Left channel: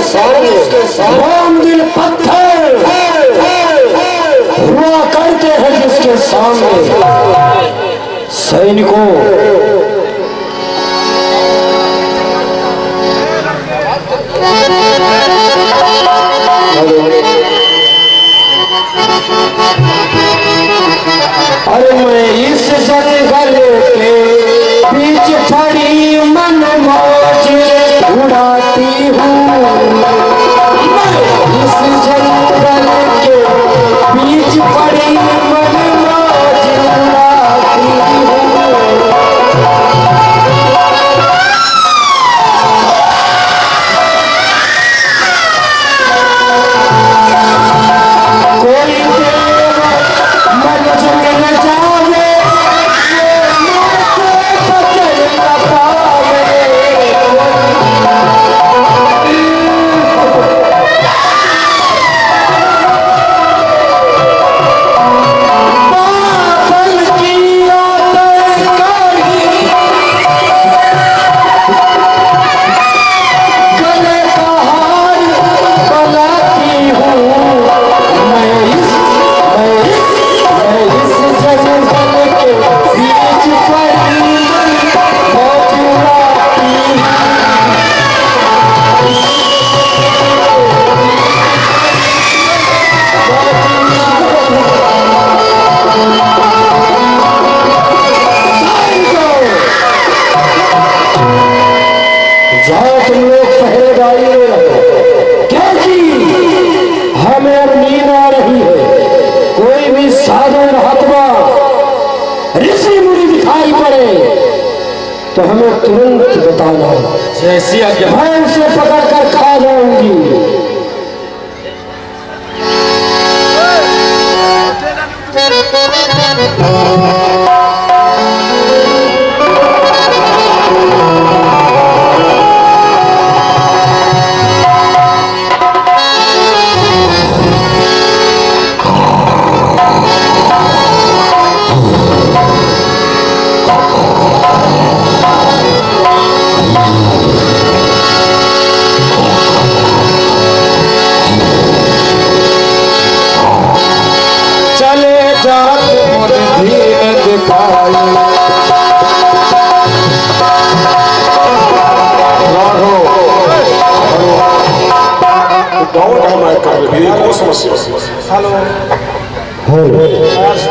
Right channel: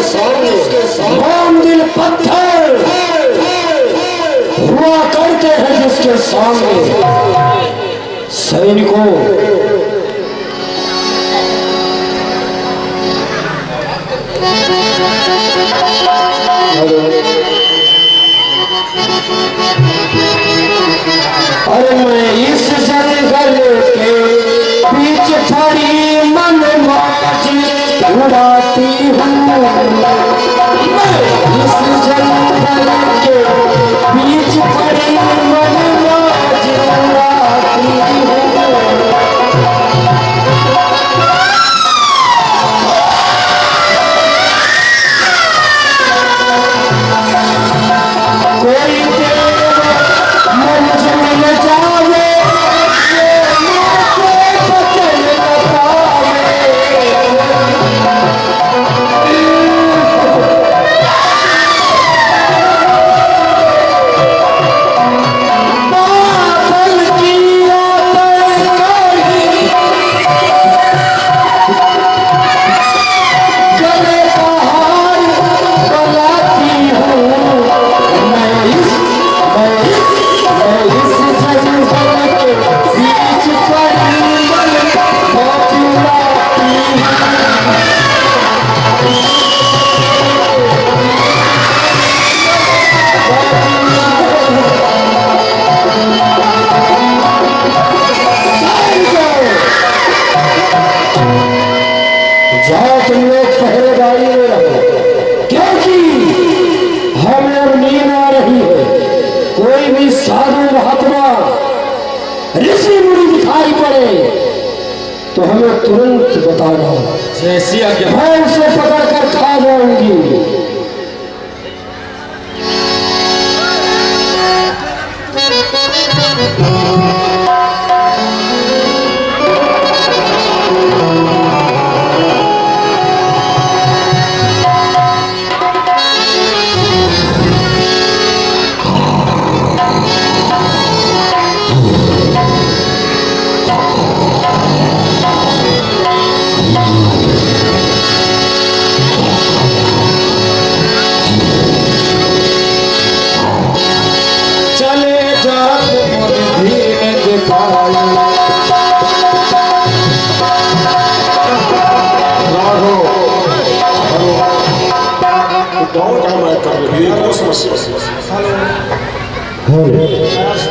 राम दिल पत्थर हुआ करते हैं जिसके सामने। सैनिकों, अरे मैं इस जंगल के बीच खड़ी मन मौज उड़ाती हूँ। इस जंगल के बीच खड़ी मन मौज उड़ाती हूँ। कोई देव मंजिल न जावे, जाओ तुम लोग पहरेदारी में रहो, क्योंकि हमें अब नींद आ रही है। कोई भी साधु महात्मा ऋषि मुनि दिखाई पड़े तो हमें तुरंत बताना, जैसी आज्ञा। मैं उसे पकड़ कर खा जाऊंगी।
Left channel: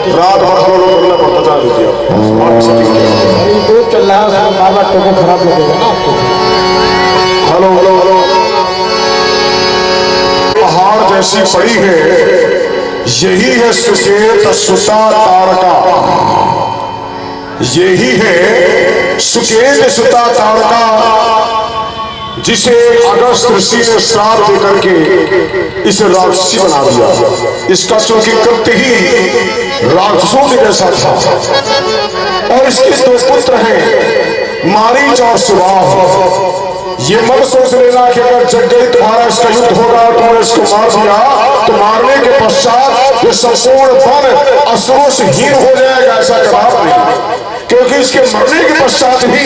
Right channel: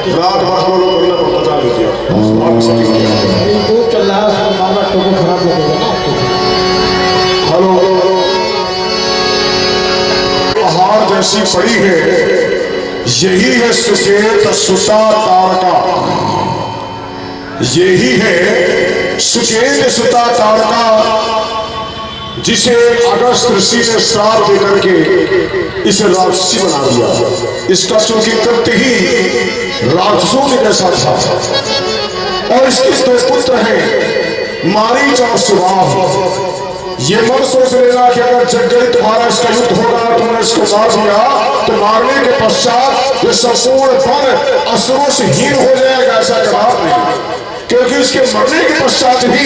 रात भर हम लोग करना पड़ता, जा लीजिए चल रहा है, बार बार टोको खराब लगेगा ना आपको। हेलो हेलो हेलो, पहाड़ जैसी पड़ी है, यही है सुकेत सुता तारका। यही है सुकेत सुता तारका, जिसे अगस्त ऋषि ने श्राप देकर के इसे राक्षसी बना दिया। इसका चूंकि कृत्य ही राक्षसों के जैसा था, और इसके दो पुत्र हैं, मारीच और सुबाह। ये मत सोच लेना कि अगर जगह तुम्हारा इसका युद्ध होगा, तुमने इसको मार दिया तो मारने के पश्चात ये संपूर्ण वन असुरों से हीन हो जाएगा, ऐसा कदाप नहीं। क्योंकि इसके मरने के पश्चात ही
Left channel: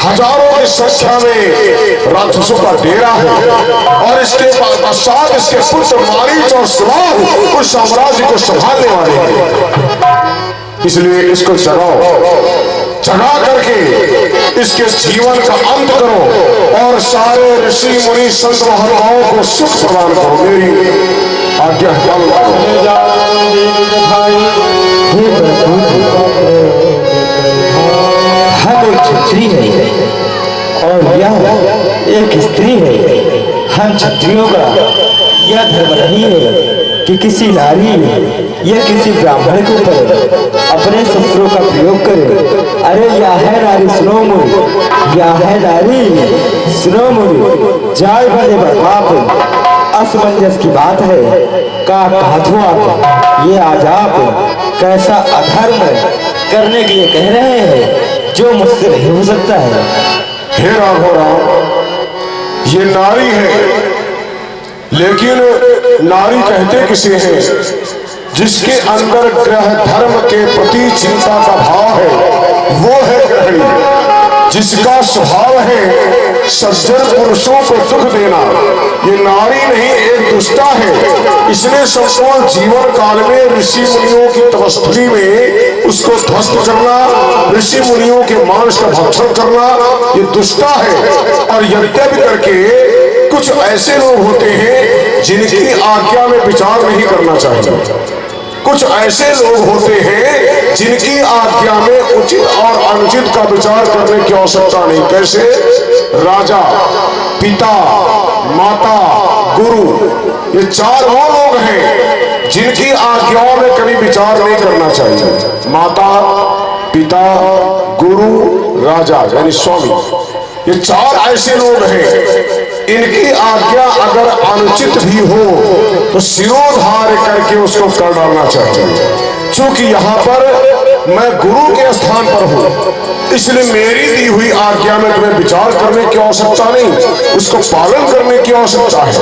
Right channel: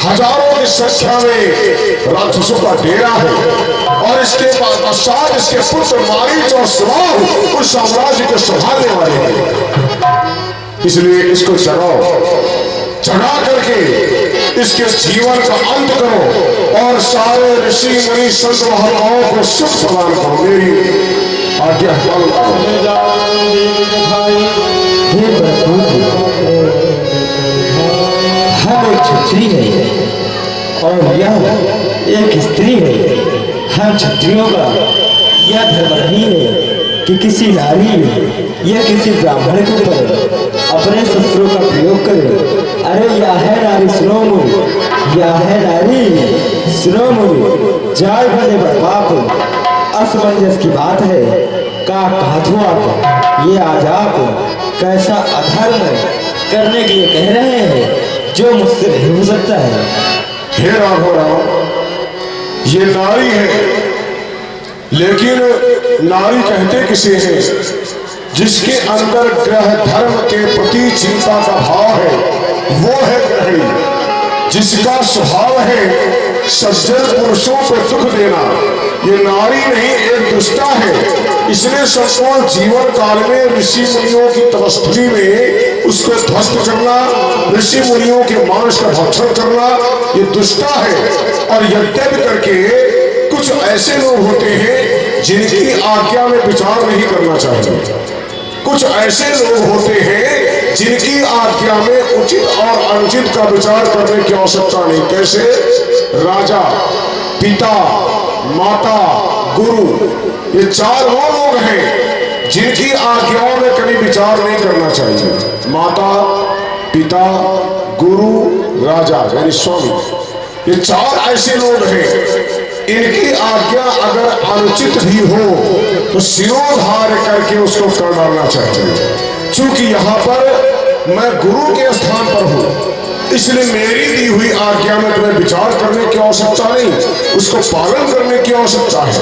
हजारों की संख्या में राक्षसों का डेरा है, और इसके पश्चात इसके पुत्र मारीच और सुबाह उस साम्राज्य को संभालने वाले हैं। इसलिए इसको जगा करके इसके जीवन का अंत करो, और सारे ऋषि मुनि संत महात्माओं को सुख प्रदान करो। मेरी आज्ञा हम एक क्षत्रिय है और यह एक स्त्री है। हम क्षत्रियों का यह धर्म नहीं है कि किसी नारी या किसी ब्राह्मण के ऊपर अपने शस्त्रों का प्रयोग करे। अरे या है नारी सुनो मुझे, या है नारी सुनो मुझे, जाय भले बर्बाद असमंजस की बात है। का हाथों आप ये आज आप कैसा अधर्म करने के लिए कह रहे हैं जो मुझसे नहीं हो सकता है। हे राघव राम, ये नारी है, लेकिन नारी कहते किसे हैं? जिसके अंदर ग्रह धर्म के प्रति चिंता का भाव है, वो है गृहिणी। जिसका स्वभाव है सज्जन पुरुषों को दुख देना, ये नारी नहीं एक दुष्टा है। इसने संपूर्ण जीवन काल में ऋषि मुनियों की तपस्थली में उसको ध्वस्त करना, ऋषि मुनियों के मांस का भक्षण करना, ये दुष्टा है। और यद्यपि करके कुछ ऐसे लोग होते हैं जिनकी आज्ञा में विचार नहीं करना चाहिए। कुछ ऐसे लोग होते हैं जिनकी आज्ञा में उचित और अनुचित का विचार करने की आवश्यकता नहीं। कैसे? राजा, पिता, माता, गुरु, ये चार वो लोग हैं जिनकी आज्ञाओं में कभी विचार नहीं करना चाहिए। माता, पिता, गुरु, राजा यानी स्वामी, ये चार ऐसे लोग हैं इनकी आज्ञा अगर अनुचित भी हो तो सिरोधार्य करके उसको कर डालना चाहिए। क्योंकि यहाँ पर मैं गुरु के स्थान पर हूँ, इसलिए मेरी दी हुई आज्ञा में तुम्हें विचार करने की आवश्यकता नहीं, उसको पालन करने की आवश्यकता है।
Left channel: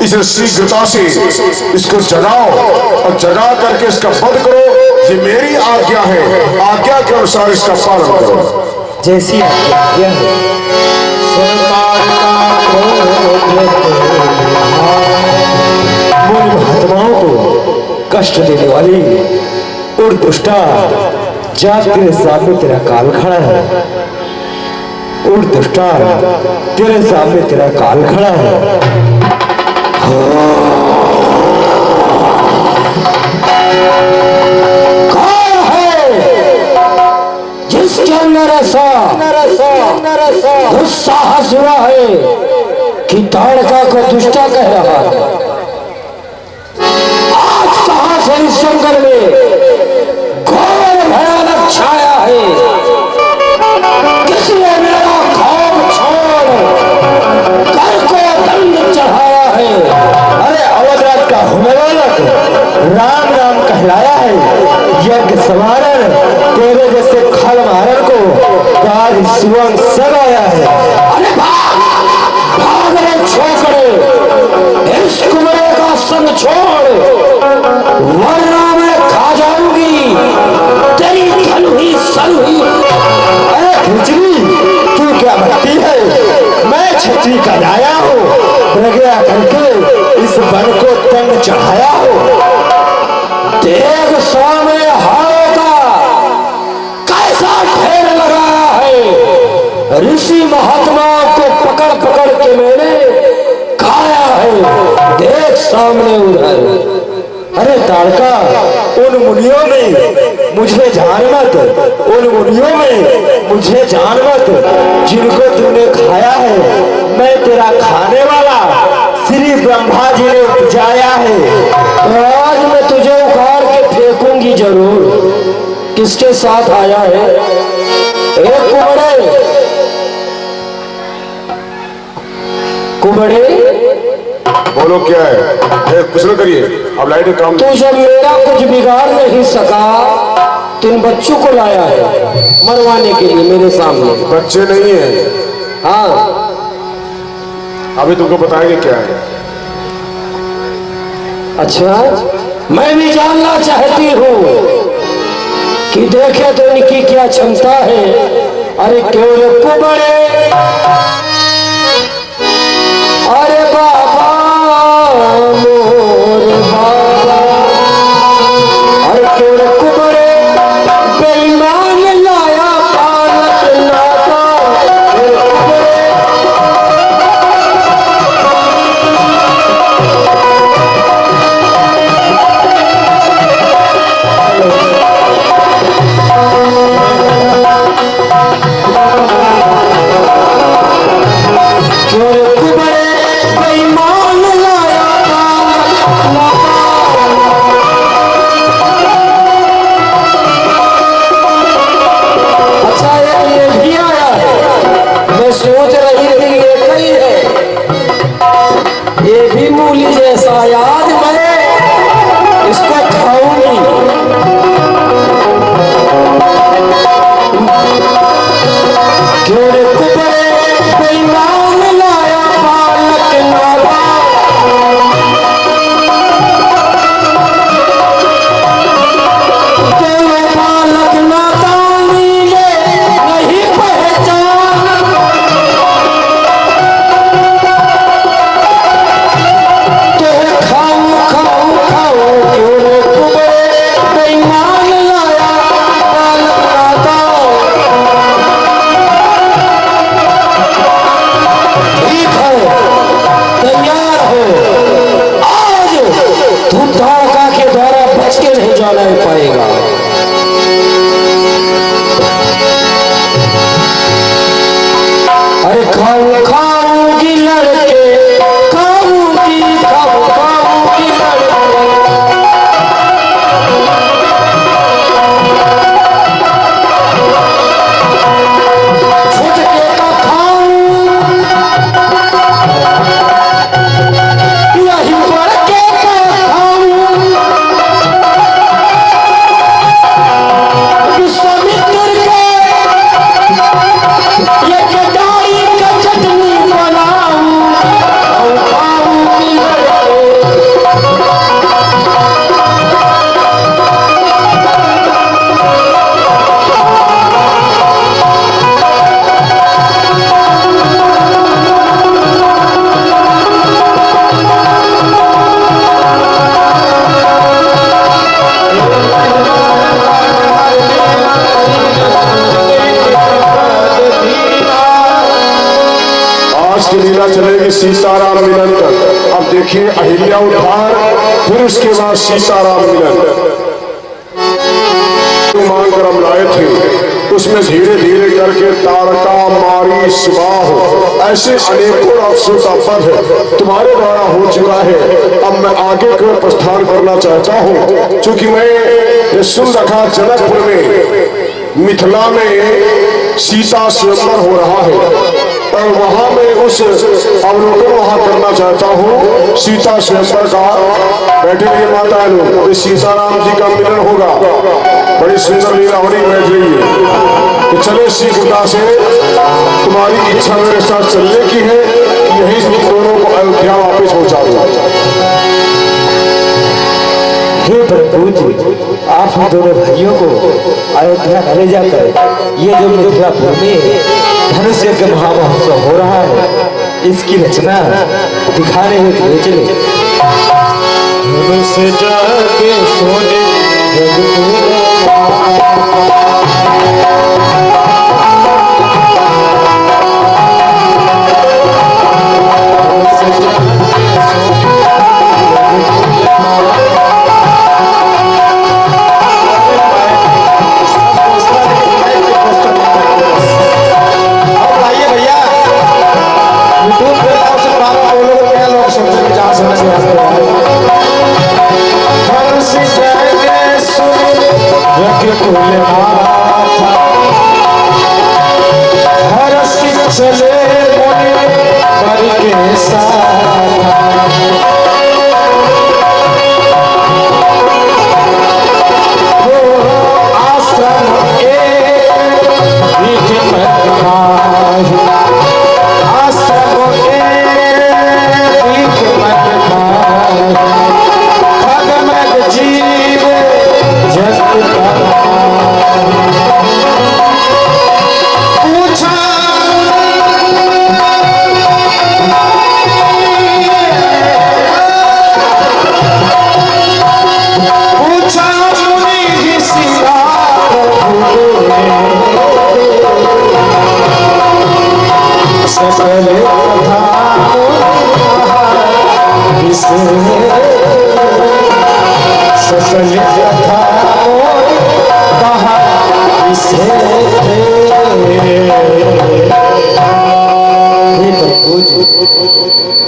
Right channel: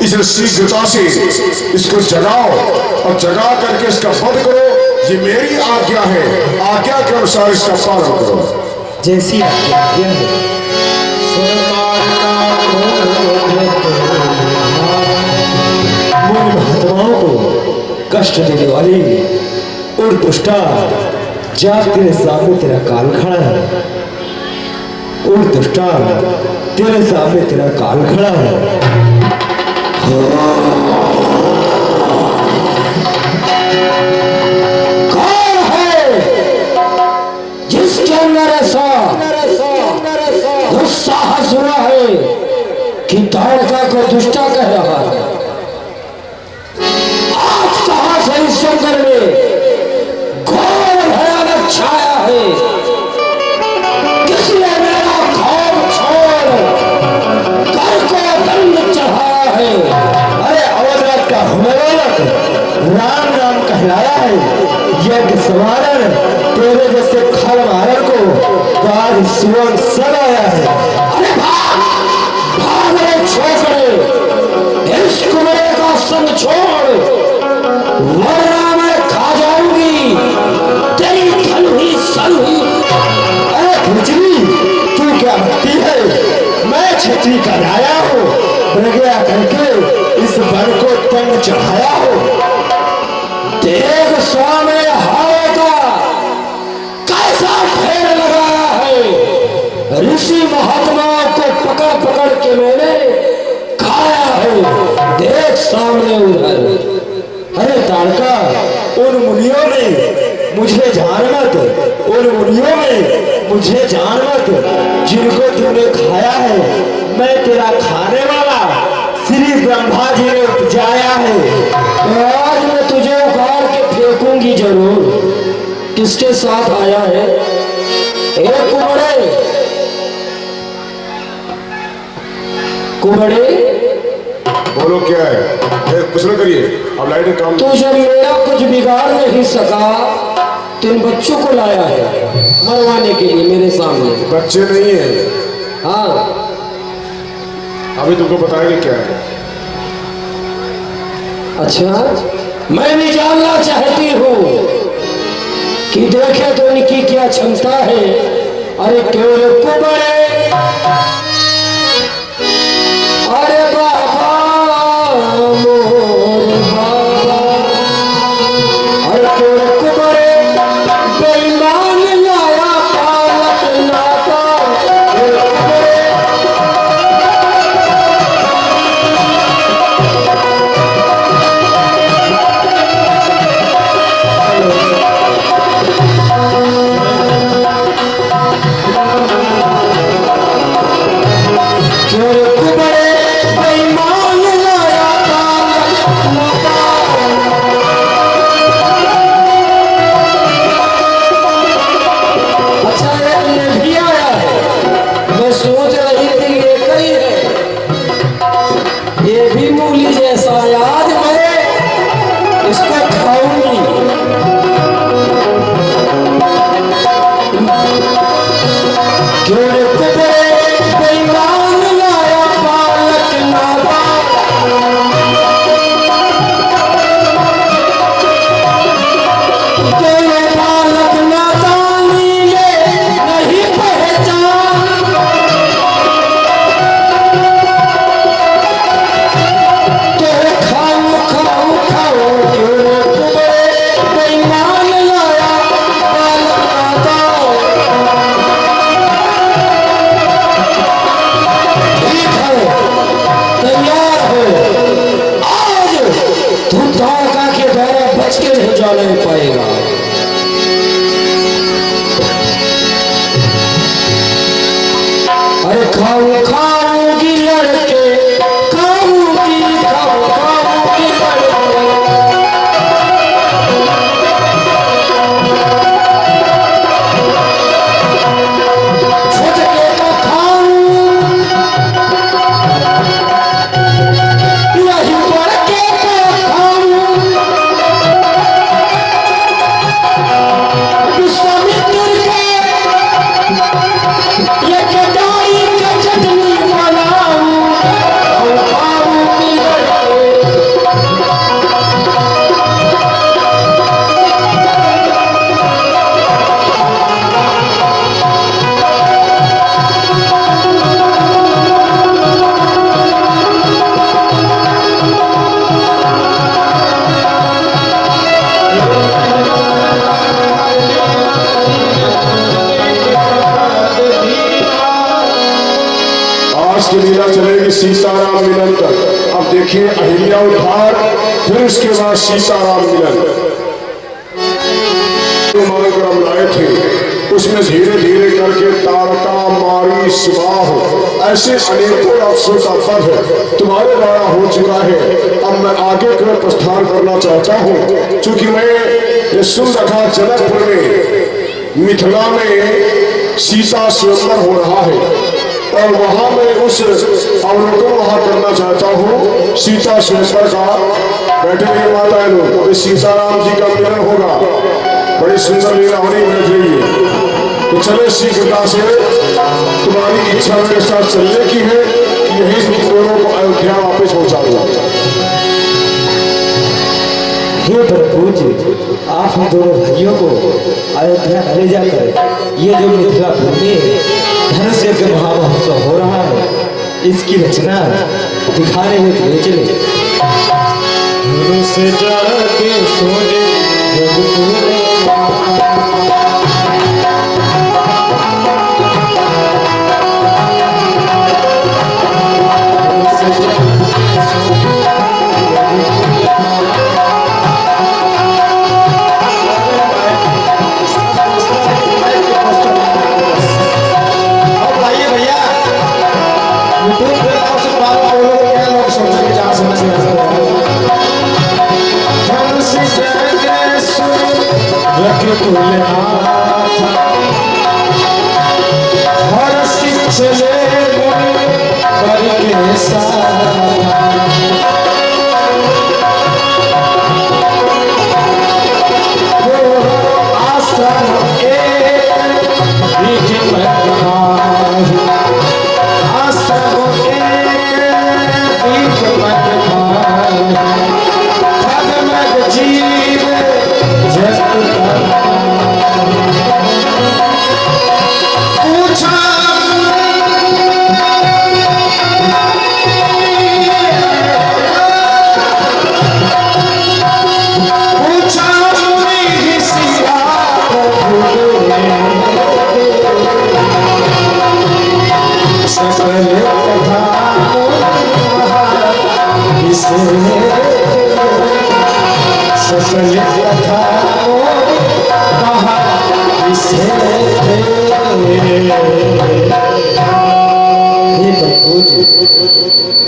इसलिए शीघ्रता से इसको जगाओ और जगा करके इसका वध करो। ये मेरी आज्ञा है, आज्ञा के अनुसार इसका पालन करो। जैसी आज्ञा है। मूल महात्माओं को कष्ट देने वाली और दुष्टा जात तेरे सामने तेरा काल खड़ा है। और दुष्टा तेरे सामने तेरा काल खड़ा है। कौन है जिसके अंदर ऐसा दुस्साहस हुआ है कि ताड़का को दुष्टा कह रहा है? आज कहां से इस जंगल में घोर भयानक छाया है? किसी ने मेरा खौफ छोड़ कर को दंड चढ़ाया है। अरे अवधराज का हुमेलक राम राम कहलाया है। यज्ञ समारण तेरे जैसे खल मारण को गाज सुवन सब आया है। अरे भाग रे छोकरे, इस कुमरे का संग छोड़, वरना मैं खा जाऊंगी तेरी खल हुई सल हुई। अरे खिचड़ी, तू क्या भक्ति है? मैं छत्री का लाया हूँ, प्रज्ञा करके इस वन को तंग चढ़ाया हो। देख सामने हारों का कैसा ढेर लगाया है। ऋषि महात्माओं को पकड़ पकड़ के मैंने खाया है। देख सामने उधर। अरे ताड़का, उन मुनियों में मुझे जान मत, उन मुनियों में मुझे जान मत जिनको तूने खाया है। मैं तेरा खाने वाला श्री ब्रह्मा जी ने उपजाया है। तो आज मैं तुझे उखाड़ के फेंकूंगी जरूर। किसके साथ आया है? एक कुबड़े, कुबड़े बोलो क्या है? कुछ ना करिए, अब लाइट का काम। तू जब मेरा कुछ बिगाड़ नहीं सका तो इन बच्चों को लाया है मरवाने के लिए मेरे सामने। बच्चे नहीं है। हाँ, अभी तुमको बताएंगे क्या है। अच्छा, मैं भी जानना चाहती हूँ कि देखे तो इनकी क्या क्षमता है। अरे क्यों रे कुबड़े, अरे बाबा मोर बाबा, अरे क्यों रे कुबड़े बेईमान लाया पालक नाता। निरंतर। अब देखिए अहिल्या उद्धार, फिर उसके बाद सीताराम मिलन मांग कर हम लाए थे, उसमें धीरे धीरे करके तारका मारी सुबाह ऐसे अनेकों अफसों का पद तुम्हारे द्वारा हो चुका है। अब मैं आगे की ओर प्रस्थान करना चाहता हूँ, क्योंकि मैं ये सुन रखा जनकपुर में मिथिला में सीता स्वयंवर हो रहा है, और वहां मैं उस अवलोकन वहां करना चाहता हूँ सीता स्वयंवर का। बैठे हुए माता लोग, अभी सीताराम जी का मिलन होगा, बड़ी सुंदर लीला होनी बैठ रही है। तो चलो शीघ्रता से, तुम्हारी इच्छा मेरे साथ चलने की है कि यही तुम दोनों को अयोध्या वापस पहुंचा दो। हे प्रभु जी, आप हम दोनों भाइयों को अयोध्या न ले जाकर ये जो मिथिलापुर में धनुष यज्ञ महामहोत्सव हो रहा है, इसकी रचना दिखाने हुए ले चले। धनुष जाके सोने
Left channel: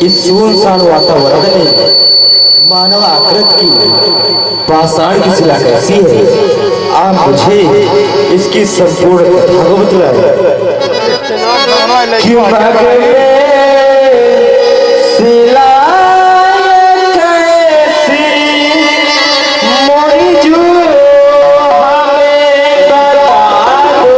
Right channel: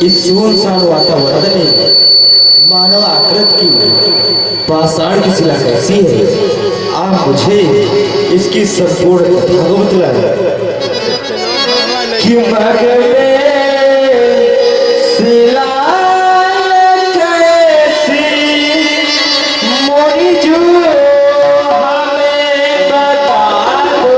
इस सुनसान वातावरण में मानव आकृत की पाषाण की शिला कैसी है, आप मुझे इसकी संपूर्ण कथा को बतलाएं। कि शिला कैसी मोरी जो हमें बता दो,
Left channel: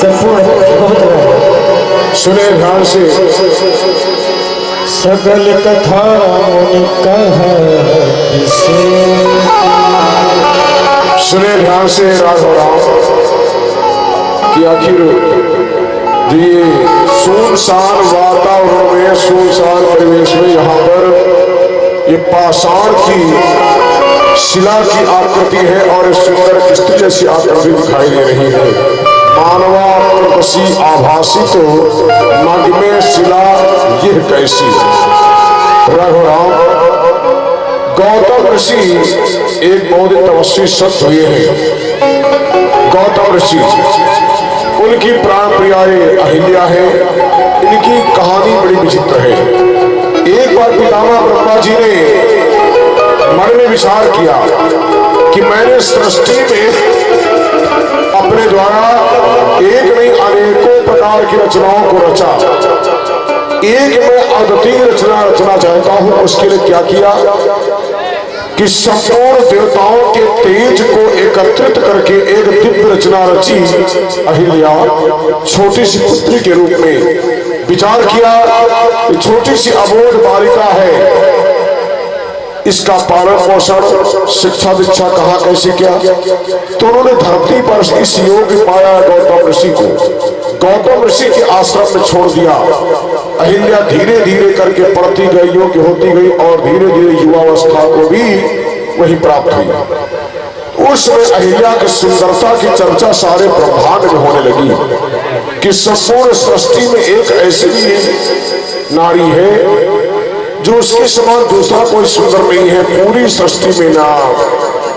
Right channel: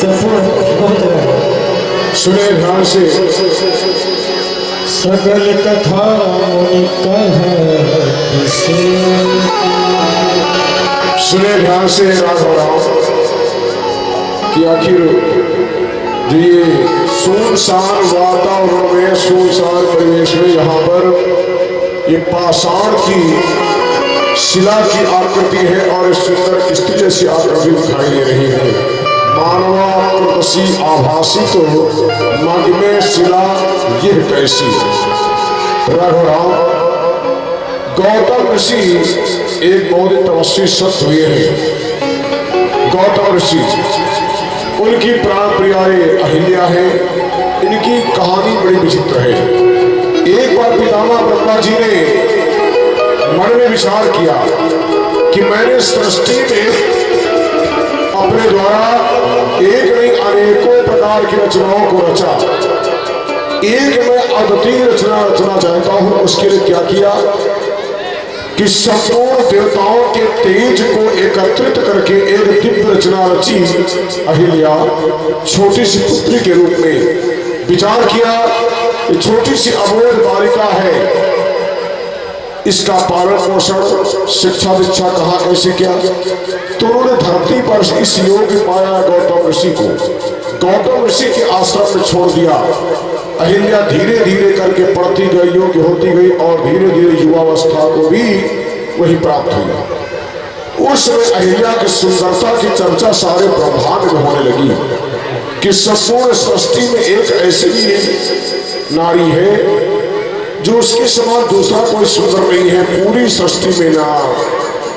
संपूर्ण भगवत रामायण सुने ध्यान से। सकल कथा मुनि कहा सुने ध्यान से राघव राम कि आखिर ये सुनसान वातावरण में, सुनसान परिवेश में यहाँ पर ये पाषाण की शिला की आकृति है और सुंदर स्त्री जैसी आकृति दिखाई दे रही है। मानवाकृति आभासी तो मग में शिला यह कैसी। रघुराम गौतम ऋषि एक बहुत तपस्वी संत हुए हैं। गौतम ऋषि, उनकी प्राण प्रियाए अहिल्या है। इनकी कहानी बड़ी विचित्र है। एक बार पितामह ब्रह्मा जी ने मन में विचार किया कि मैंने सृष्टि में अपने द्वारा एक नहीं अनेकों प्रकार की रचनाओं को रचा, एक मैं अद्वितीय रचना रचना चाहता हूं। उसके लिए क्या किया कि संपूर्ण देवताओं के तेज को एकत्रित करके एक दिव्य रचना रची। अहिल्या छोटी सी पुत्री के रूप में विचार किया, छोटी सी अबोध बालिका है, इसका पालन पोषण शिक्षा दीक्षा कहाँ कैसे किया। तो उन्होंने धरती पर इस योग पाया गौतम ऋषि को। गौतम ऋषि के आश्रम में छोड़ दिया। अहिल्या धीरे धीरे करके पढ़ती गई, योग्य होती गई और धीरे धीरे युवावस्था को भी वही प्राप्त हुई। उस समय अहिल्या की सुंदरता की चर्चा सारे ब्रह्मांड में होने लगी कि संपूर्ण सृष्टि में एक ऐसी नारी है जो उसके समान दूसरा कोई सुंदर नहीं है। पूरी सृष्टि में ना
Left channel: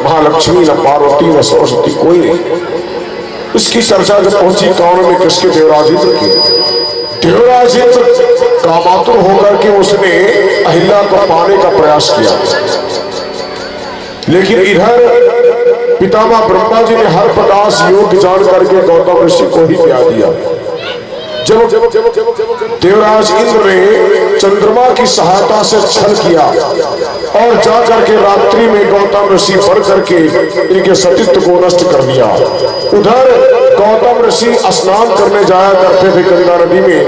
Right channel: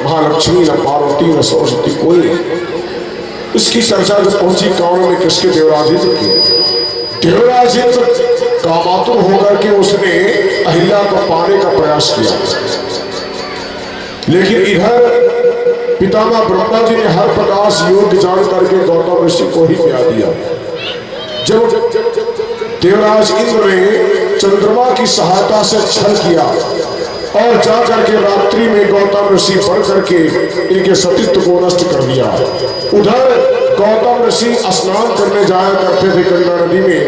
महालक्ष्मी, ना पार्वती, ना सरस्वती, कोई नहीं। इसकी चर्चा जब पहुंची कान में किसके, देवराजेंद्र की। देवराजेंद्र कामातुर होकर के उसने अहिल्या को पाने का प्रयास किया, लेकिन इधर पितामह ब्रह्मा जी ने हर प्रकार से योग जान करके गौतम ऋषि को ही प्यार दिया। जब देवराज इंद्र ने चंद्रमा की सहायता से छल किया और जाकर के रात्रि में गौतम ऋषि बढ़ करके इनके सतीत्व को नष्ट कर दिया। उधर गौतम ऋषि स्नान करने जाया करते थे गंगा नदी में।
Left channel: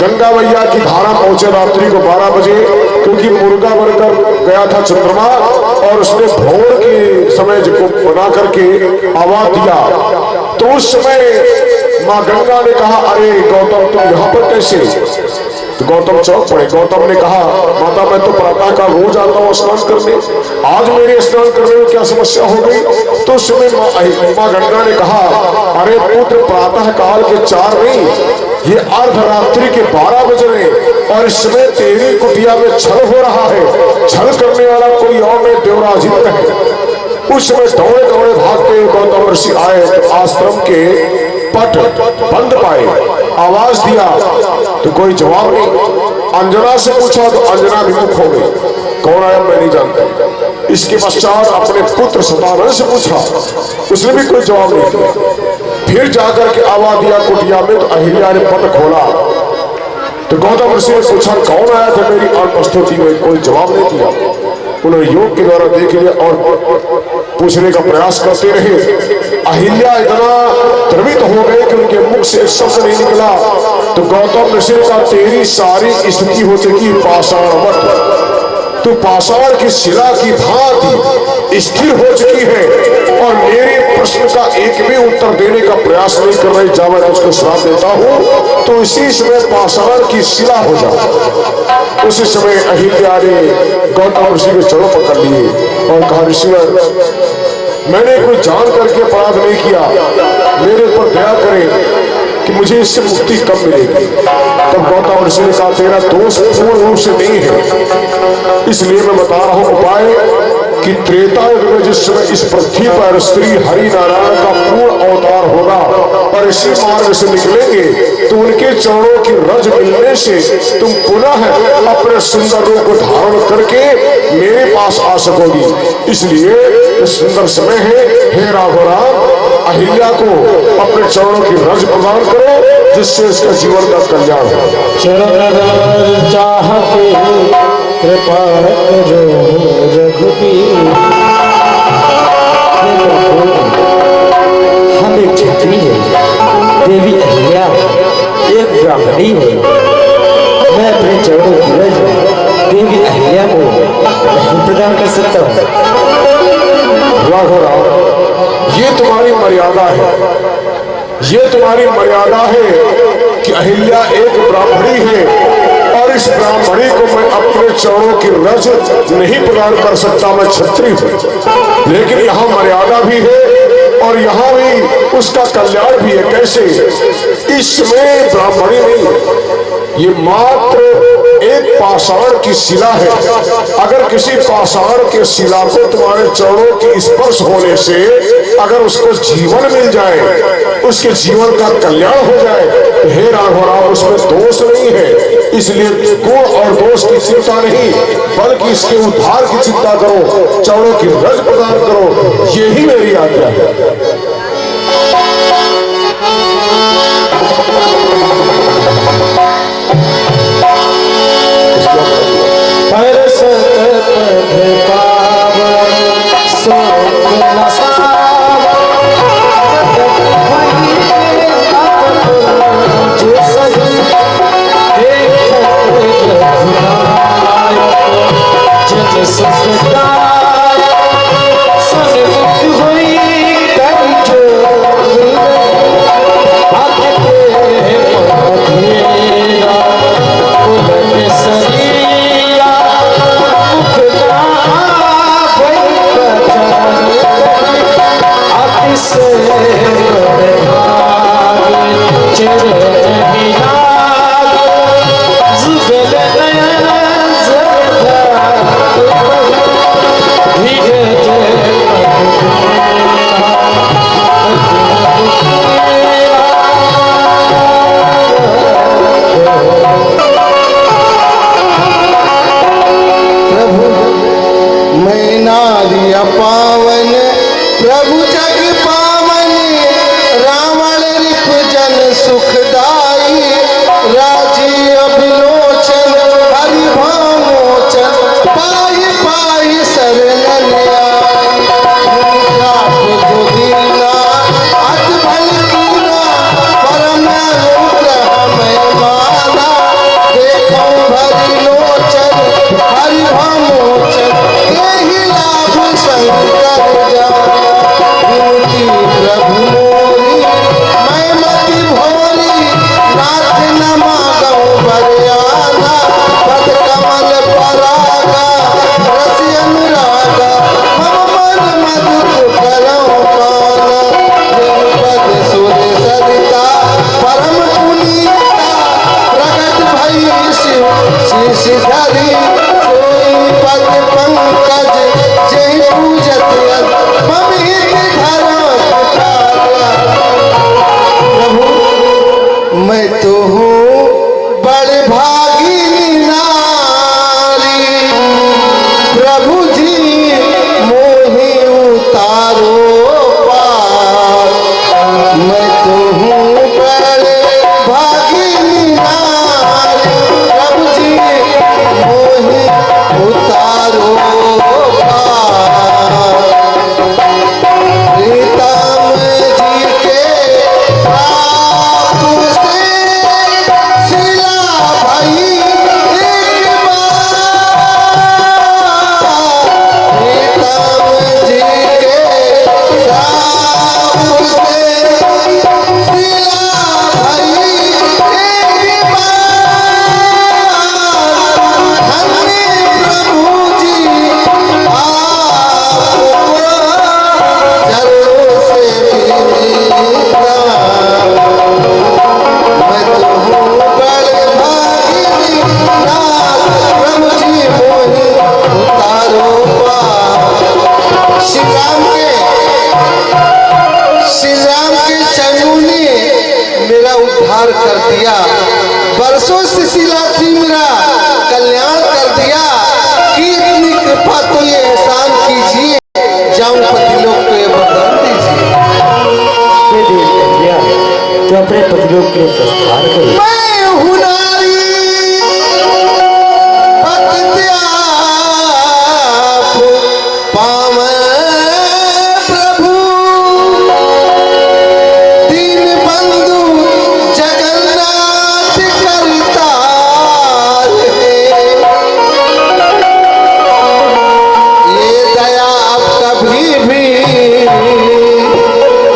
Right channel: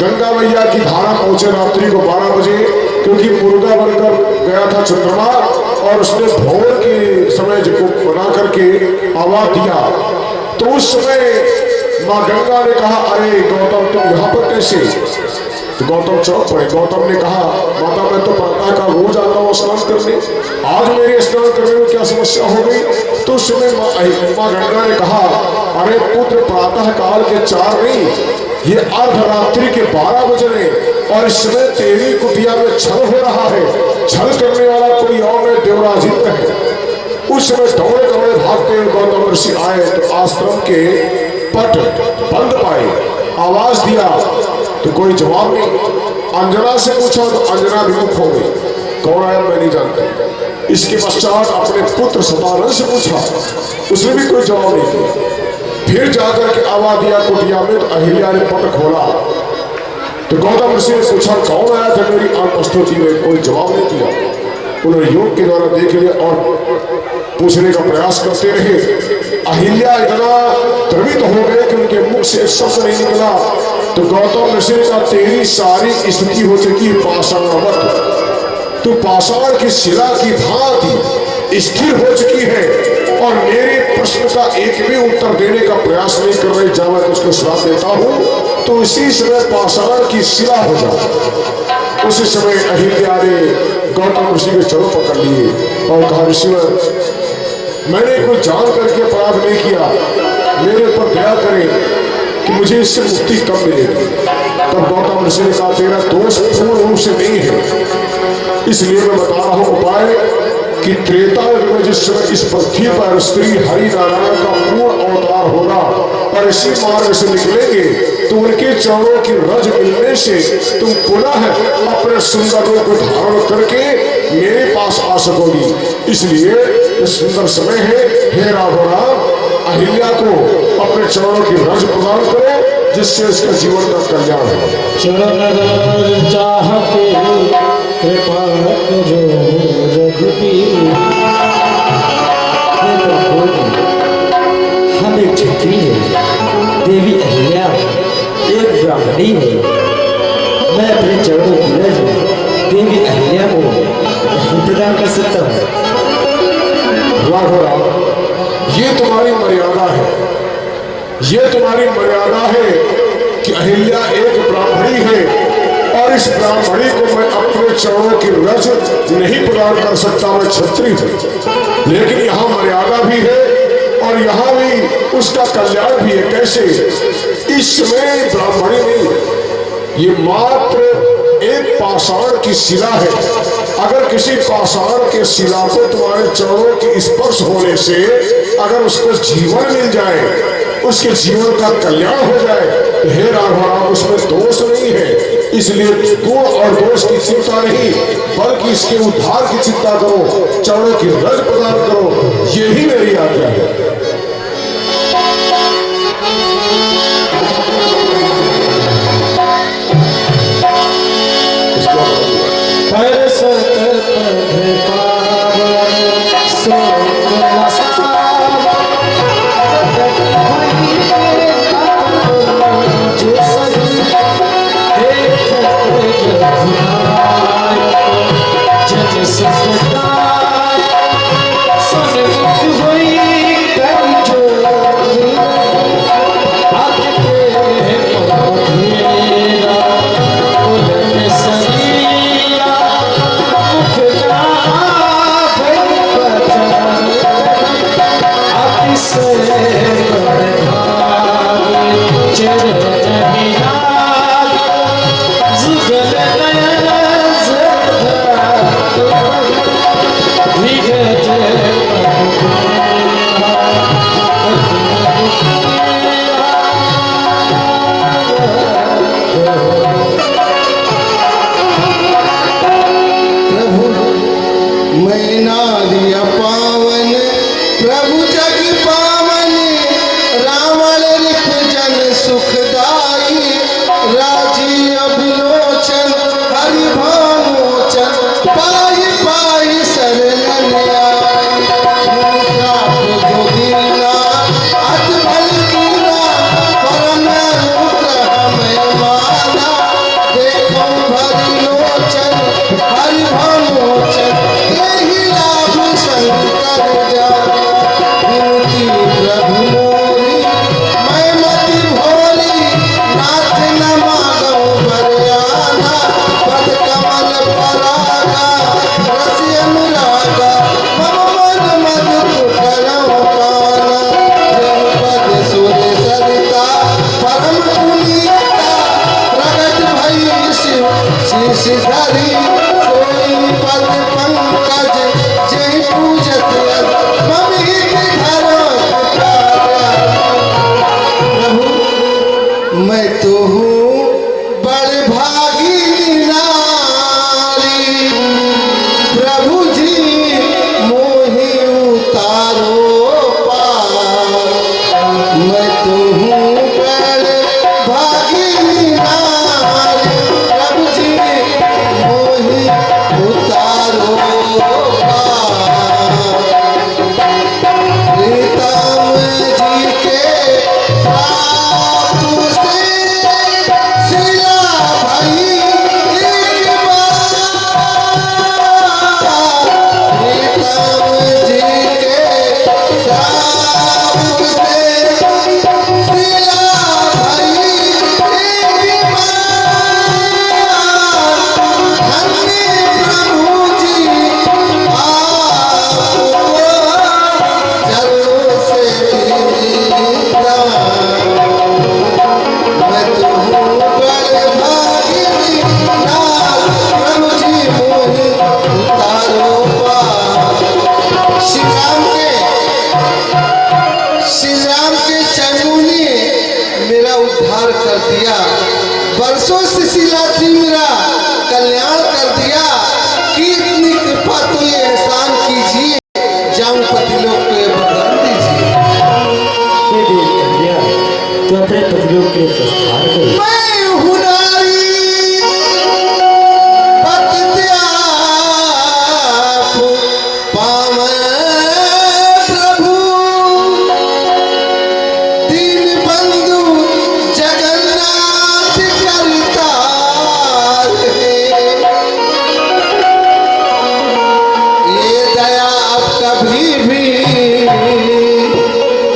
गंगा मैया की धारा पहुंचे रात्रि को 12 बजे, क्योंकि मुर्गा बनकर गया था चंद्रमा और उसने भोर के समय को बना करके आवाज दिया। तो उस समय माँ गंगा ने कहा, अरे गौतम तुम यहाँ पर कैसे। तो गौतम चौंक पड़े। गौतम ने कहा, माता मैं तो प्रातः का रोज आता हूँ स्नान करने, आज मेरे स्नान करने में क्या समस्या हो गई। तो उस समय माँ गंगा ने कहा, अरे पुत्र प्रातः काल के 4 नहीं, ये अर्धरात्रि के 12 बज रहे और इस समय तेरी कुटिया में छल हो रहा है। छल करने वाला कोई और नहीं, देवराज इंद्र है। उस समय दौड़े दौड़े भागते गौतम ऋषि आए तो आश्रम के पट बंद पाए। आवाज दिया तो कोई जवाब नहीं। अंजना से पूछा तो अंजना विमुख हो गई, कौन आया मैं नहीं जानता। इसके पश्चात अपने पुत्र शतानंद से पूछा, उसने भी कोई जवाब नहीं दिया। फिर जाकर के आवाज दिया कुटिया में, तो अहिल्या ने पट खोला। तो गौतम ऋषि ने पूछा कौन आया था मेरी अनुपस्थिति में, कोई जवाब नहीं दिया। उन्होंने योग के द्वारा देख लिया और पूछने का प्रयास करते रहे। अहिल्या इतना द्रवित हो गए कि उनके मुख से एक शब्द नहीं निकला। तो गौतम ऋषि का तेरी सारी स्थिति हो चुकी पाषाणवत, तू पाषाण की शिला की भांति स्थिर हो चुकी है और मेरे प्रश्न का एक भी उत्तर देने का प्रयास नहीं कर रही। जा मैं तुझको श्राप देता हूं तो इसी समय पाषाण की शिला हो जा। उसी समय अहिल्या ने गौतम ऋषि के चरणों पकड़ लिए और कहा, ऋषिवर मैंने कोई जान करके अपराध नहीं किया, मेरे ऊपर दया करें कि मुझे इससे मुक्ति कब मिलेगी। तब गौतम ऋषि ने कहा, तेरा दोष पूर्ण रूप से नहीं है, इसलिए मैं बता रहा हूं उपाय कि त्रेता युग में जिस समय इस पृथ्वी पर श्री हरि नारायण का पूर्ण अवतार होगा और इसी मार्ग से निकलेंगे तो उनके चरणों की रज मिलने से तुम पुनः अपने सुंदर रूप को धारण करके मेरे पास आ सकोगी। इसलिए सुंदर समय है, हे राघव अहिल्या को अपने चरणों की रज प्रदान करो जिससे इसका जीवन का कल्याण हो। चरण चाहते कृपा करो रघुबीर। हम एक क्षत्रिय देवी ये तुम्हारी मर्यादा है कि अहिल्या एक ब्राह्मणी है और इस ब्राह्मणी को मैं अपने चरणों की रज नहीं प्रदान कर सकता, मैं क्षत्रिय हूं। लेकिन यहाँ मर्यादा भी है और यहाँ भी उसका कल्याण भी है। कैसे? इसमें ब्राह्मणी नहीं, ये मात्र एक पाषाण की शिला है। अगर किसी पाषाण के शिला को तुम्हारे चरणों के स्पर्श होने से अगर उसको जीवन मिल जाए, उसके जीवन का कल्याण हो जाए, तो हे राघवराव उसमें दोष नहीं है। इसलिए गुण और दोष की चिंता नहीं, बल्कि इसके उद्धार की चिंता करो, चरणों की रज प्रदान करो, यही मेरी आज्ञा है।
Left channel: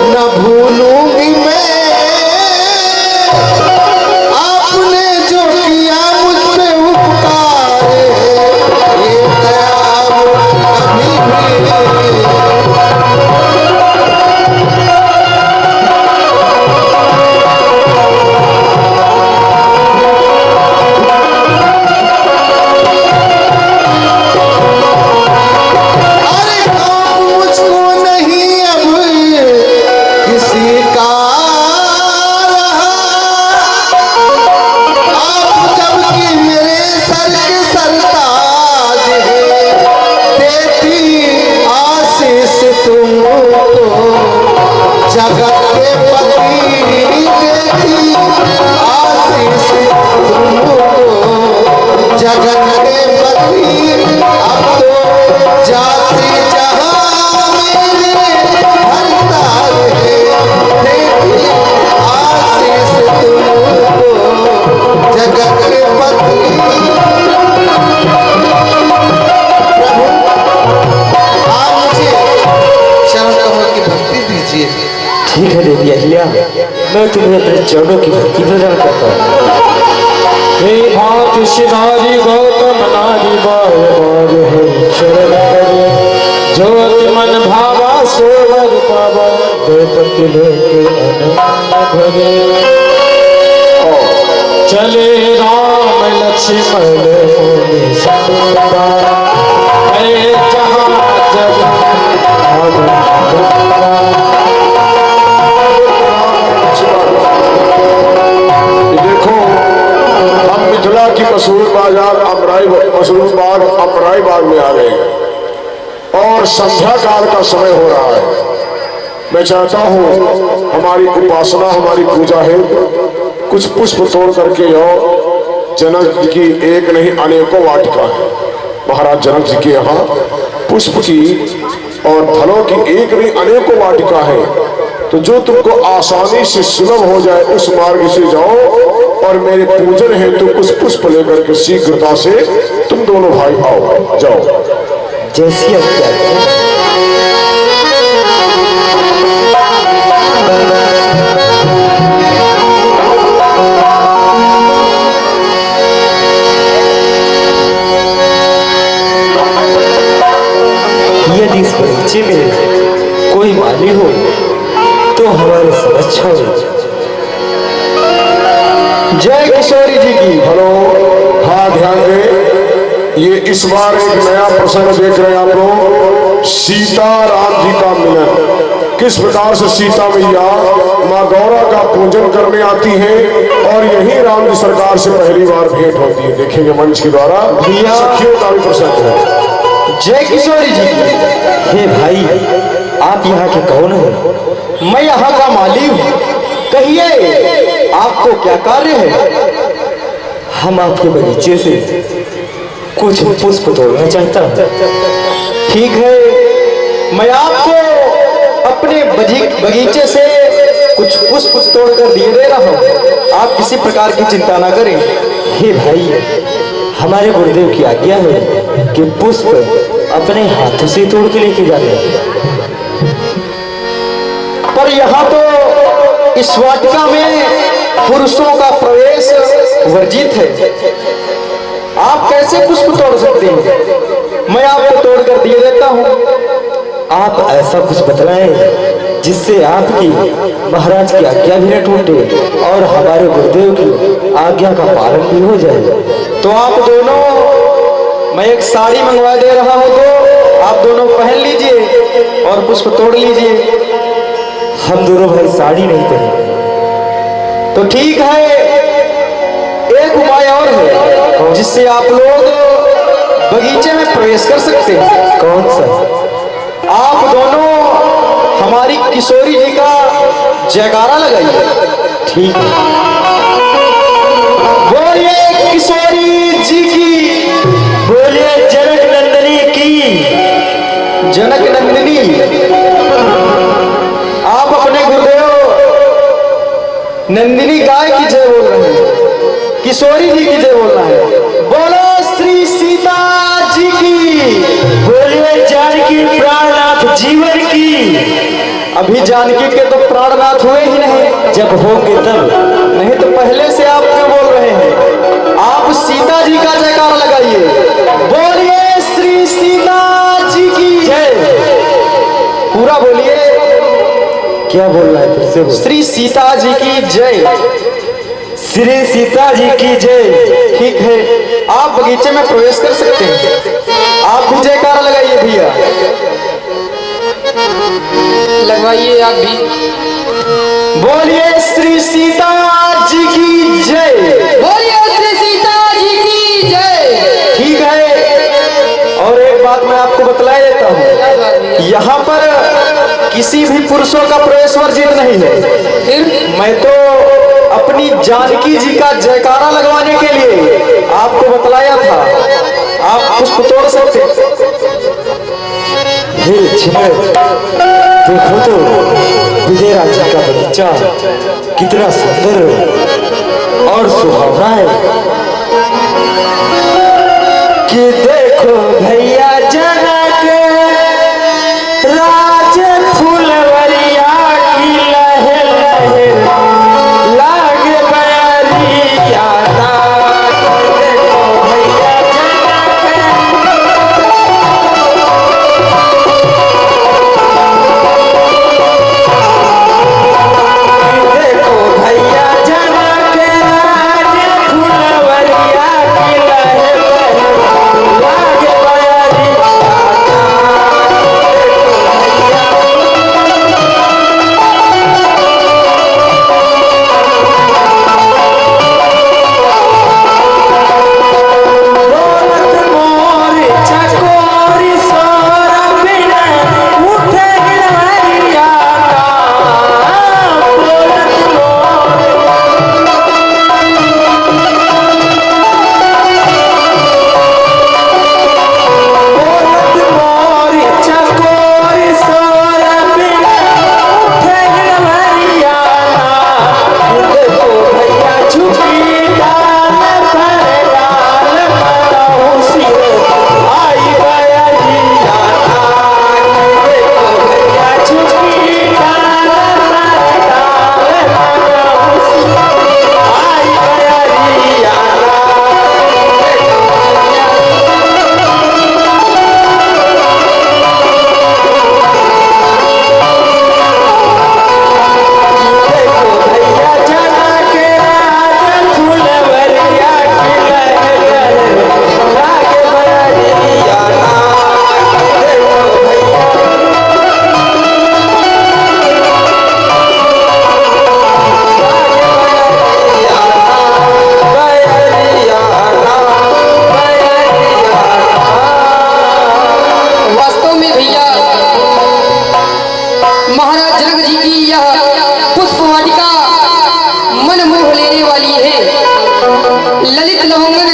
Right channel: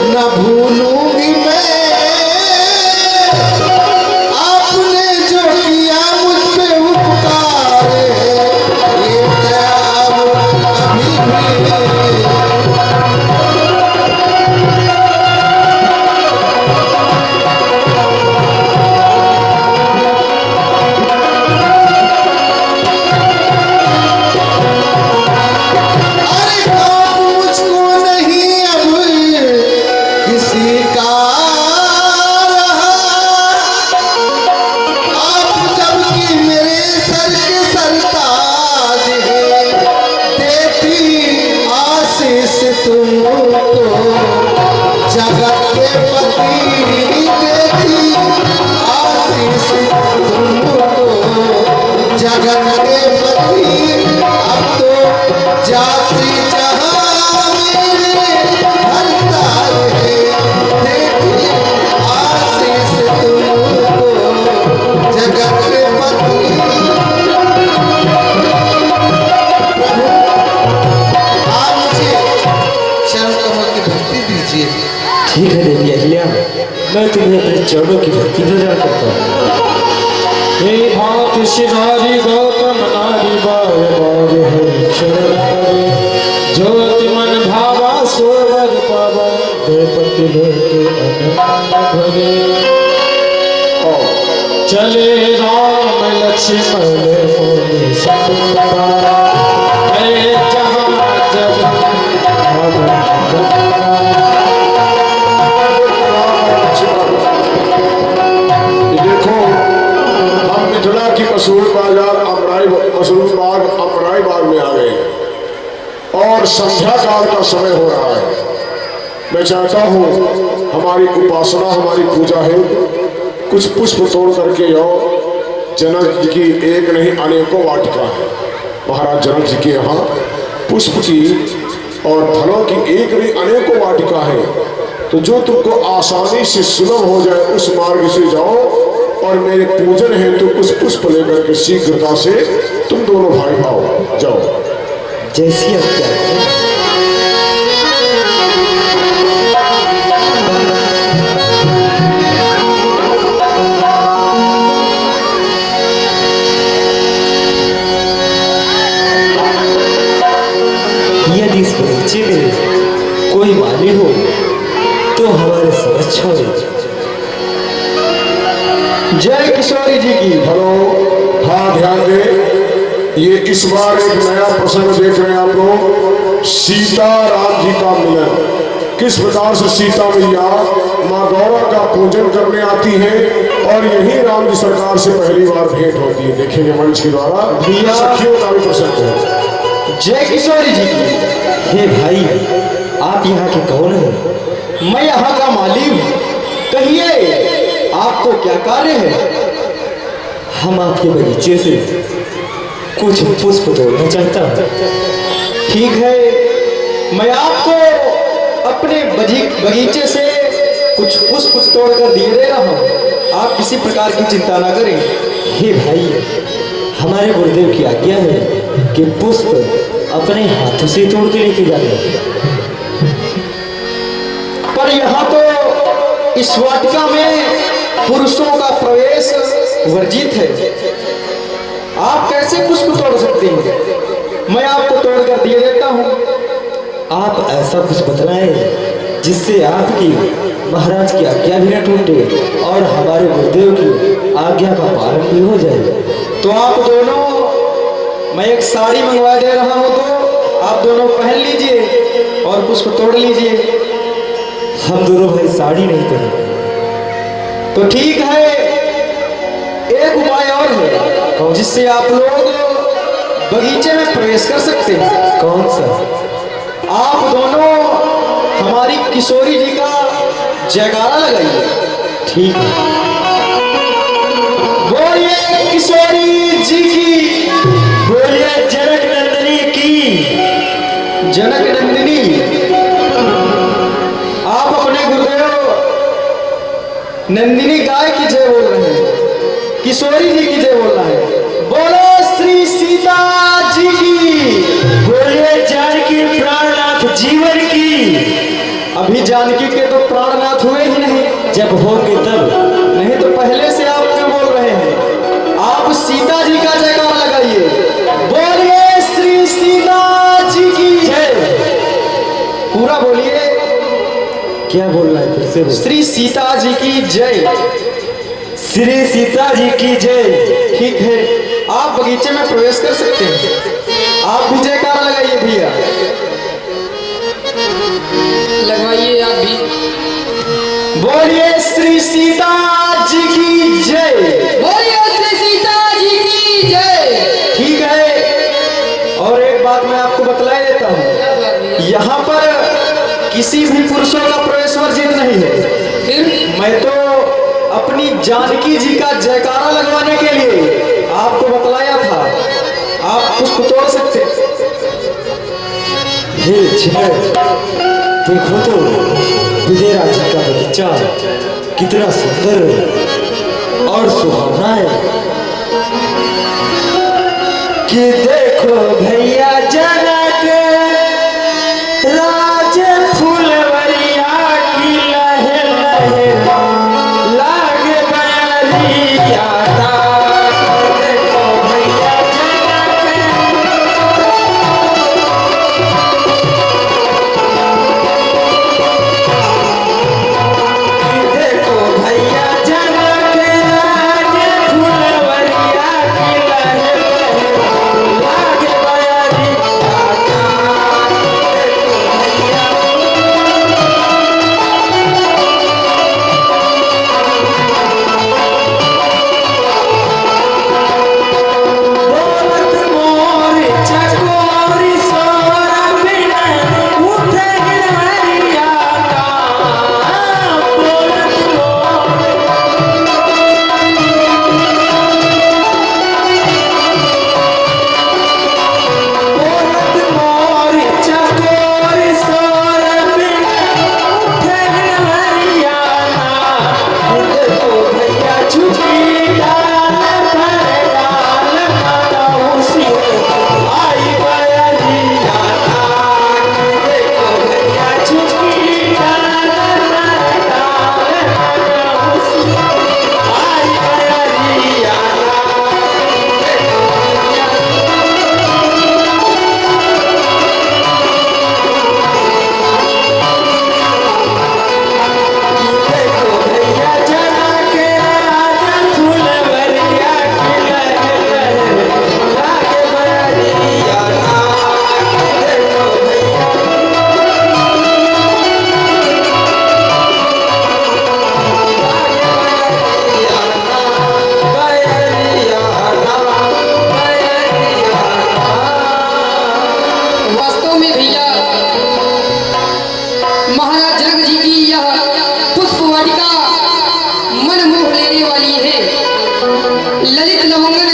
न भूलूंगी मैं जगत के पति देती आशीष तुमको, जगत के पति अब तो जाति जहां मेरे हरताल है, देती आशीष तुमको, जगत के पति। ठीक है देवी अहिल्या, मैं तुम्हें अपने चरणों की भक्ति प्रदान करता हूँ। हे भात शिवारी गौतम नारी बार बार है शरण करे, ज्योति मन भावा सोवर पावा, द्रौपदी लोक अनंत भरे। चले राम लक्ष्मण मुनि सतुता, है जहाँ जग मसरूर बाग अमराई बाग में आ गए और संध्या काल का समय हो रहा है। मैं चाहता हूँ हमारी उपासना हमारी पूजा है, कुछ पुष्प तोड़ करके आओ। जनक जी की एक नहीं अनेकों वाटिका है। महाराज जनक जी के यहाँ पुष्प की और फलों की एक नहीं अनेकों वाटिका है, तो जो तुमको आसानी से सुलभ हो जाए उस मार्ग से जाओ और मेरे पूजन है तो कुछ पुष्प लेकर के शीघ्रता से तुम दोनों भाई आओ, जाओ। जैसी आज्ञा है। यदि इस बगीचे में कोई माली हो तो हमारे सब अच्छा हो। जय किशोरी जी की हेलो। हाँ ध्यान दे, ये इस बार एक नया प्रसंग देख रहे हैं आप लोग, सीता राम जी का मिलन। किस प्रकार से सीता मैया माँ गौरा का पूजन करने आती हैं और यही राम जी सरकार से पहली बार भेंट होती है। देखेंगे मंच के द्वारा सखियों का भी प्रसंग है। जय किशोरी जी। हे भाई, आप यहाँ के कौन हैं? मैं यहाँ का माली हूँ, कहिए आपको क्या कार्य है? हम आपके बगीचे से कुछ पुष्प तोड़ना चाहता हूँ। ठीक है, मैं आपको अपने बगीचे से कुछ पुष्प तोड़कर दिए दे रहा हूँ, आप किसी प्रकार की चिंता ना करें। हे भाई, हमारे गुरुदेव की आज्ञा है कि पुष्प अपने हाथों से तोड़ के लेके जाते हैं, पर यहाँ तो इस वाटिका में पुरुषों का प्रवेश वर्जित है, आप कैसे पुष्प तोड़ सकते हैं? मैं आपको तोड़कर दिए देता हूँ। आप ऐसा कुछ बतलाएं जिससे आपकी महाराज की आज्ञा भी न टूटे और हमारे गुरुदेव की आज्ञा का पालन भी हो जाए। तो आप दोनों, मैं एक साड़ी मंगवा दे रहा हूँ, तो आप दोनों पहन लीजिए और पुष्प तोड़ लीजिए। हम दोनों भाई साड़ी नहीं पहने। तो ठीक है, एक उपाय और है जिससे आप लोग बगीचे में प्रवेश कर सकते हैं। कौन सा? आप दोनों हमारी किशोरी जी का जयकारा लगाइए। ठीक है। बोलिए किशोरी जी की, बोलिए जनक नंदिनी की। जनक नंदिनी, आप अपने गुरुदेव नंदिनी गाय की जय बोल रहे हैं, किशोरी जी की जय बोलना है। बोलो श्री सीता जी की, बोलिए जानकी प्राणनाथ जीवन की। अभी जानकी के तो प्राणनाथ हुए ही नहीं, जब होंगे तब। नहीं तो पहले से आप क्यों बोल रहे हैं? आप सीता जी का जयकारा लगाइए। बोलिए श्री सीता जी की जय। पूरा बोलिए। क्या बोलना है फिर से बोल। श्री सीता जी की जय। श्री सीता जी की जय। ठीक है, आप बगीचे में प्रवेश कर सकते हैं। आप भी जयकारा लगाइए भैया। लगवाइए आप भी। बोलिए श्री सीता जी की जय। बोलिए श्री सीता जी की जय। ठीक है, और एक बात मैं आपको बतला देता हूँ, यहाँ पर किसी भी पुरुषों का प्रवेश वर्जित नहीं है। फिर मैं तो अपनी जानकी जी का जयकारा लगवाने के लिए आपको बतलाया था, आप पुष्प तोड़ सकते। हे छिनर, देखो तो विजयराज जी का बगीचा कितना सुंदर और सुहावना है कि देखो भैया जनक राज फुलवरिया की लहे लहे लाग बरिया ता। देखो भैया देखो भैया जनक राज फुलवरिया की लहे लहे लाग बरिया ता। दौलत मोर चकोरी सोरा बिना उठे हरिया का। दौलत मोर दौलत मोर चकोरी सोरा बिना उठे हरिया का। देखो भैया झुकी डाल पर डाल मौसी आई बरिया का। देखो भैया झुकी डाल पर डाल मौसी आई बरिया का। देखो भैया जनक राज फुलवरिया की लहे लहे लाग बरिया का। देखो भैया वास्तव में भैया महाराज जनक जी की यह पुष्प वाटिका मन मोह लेने वाली है। ललित लवंगन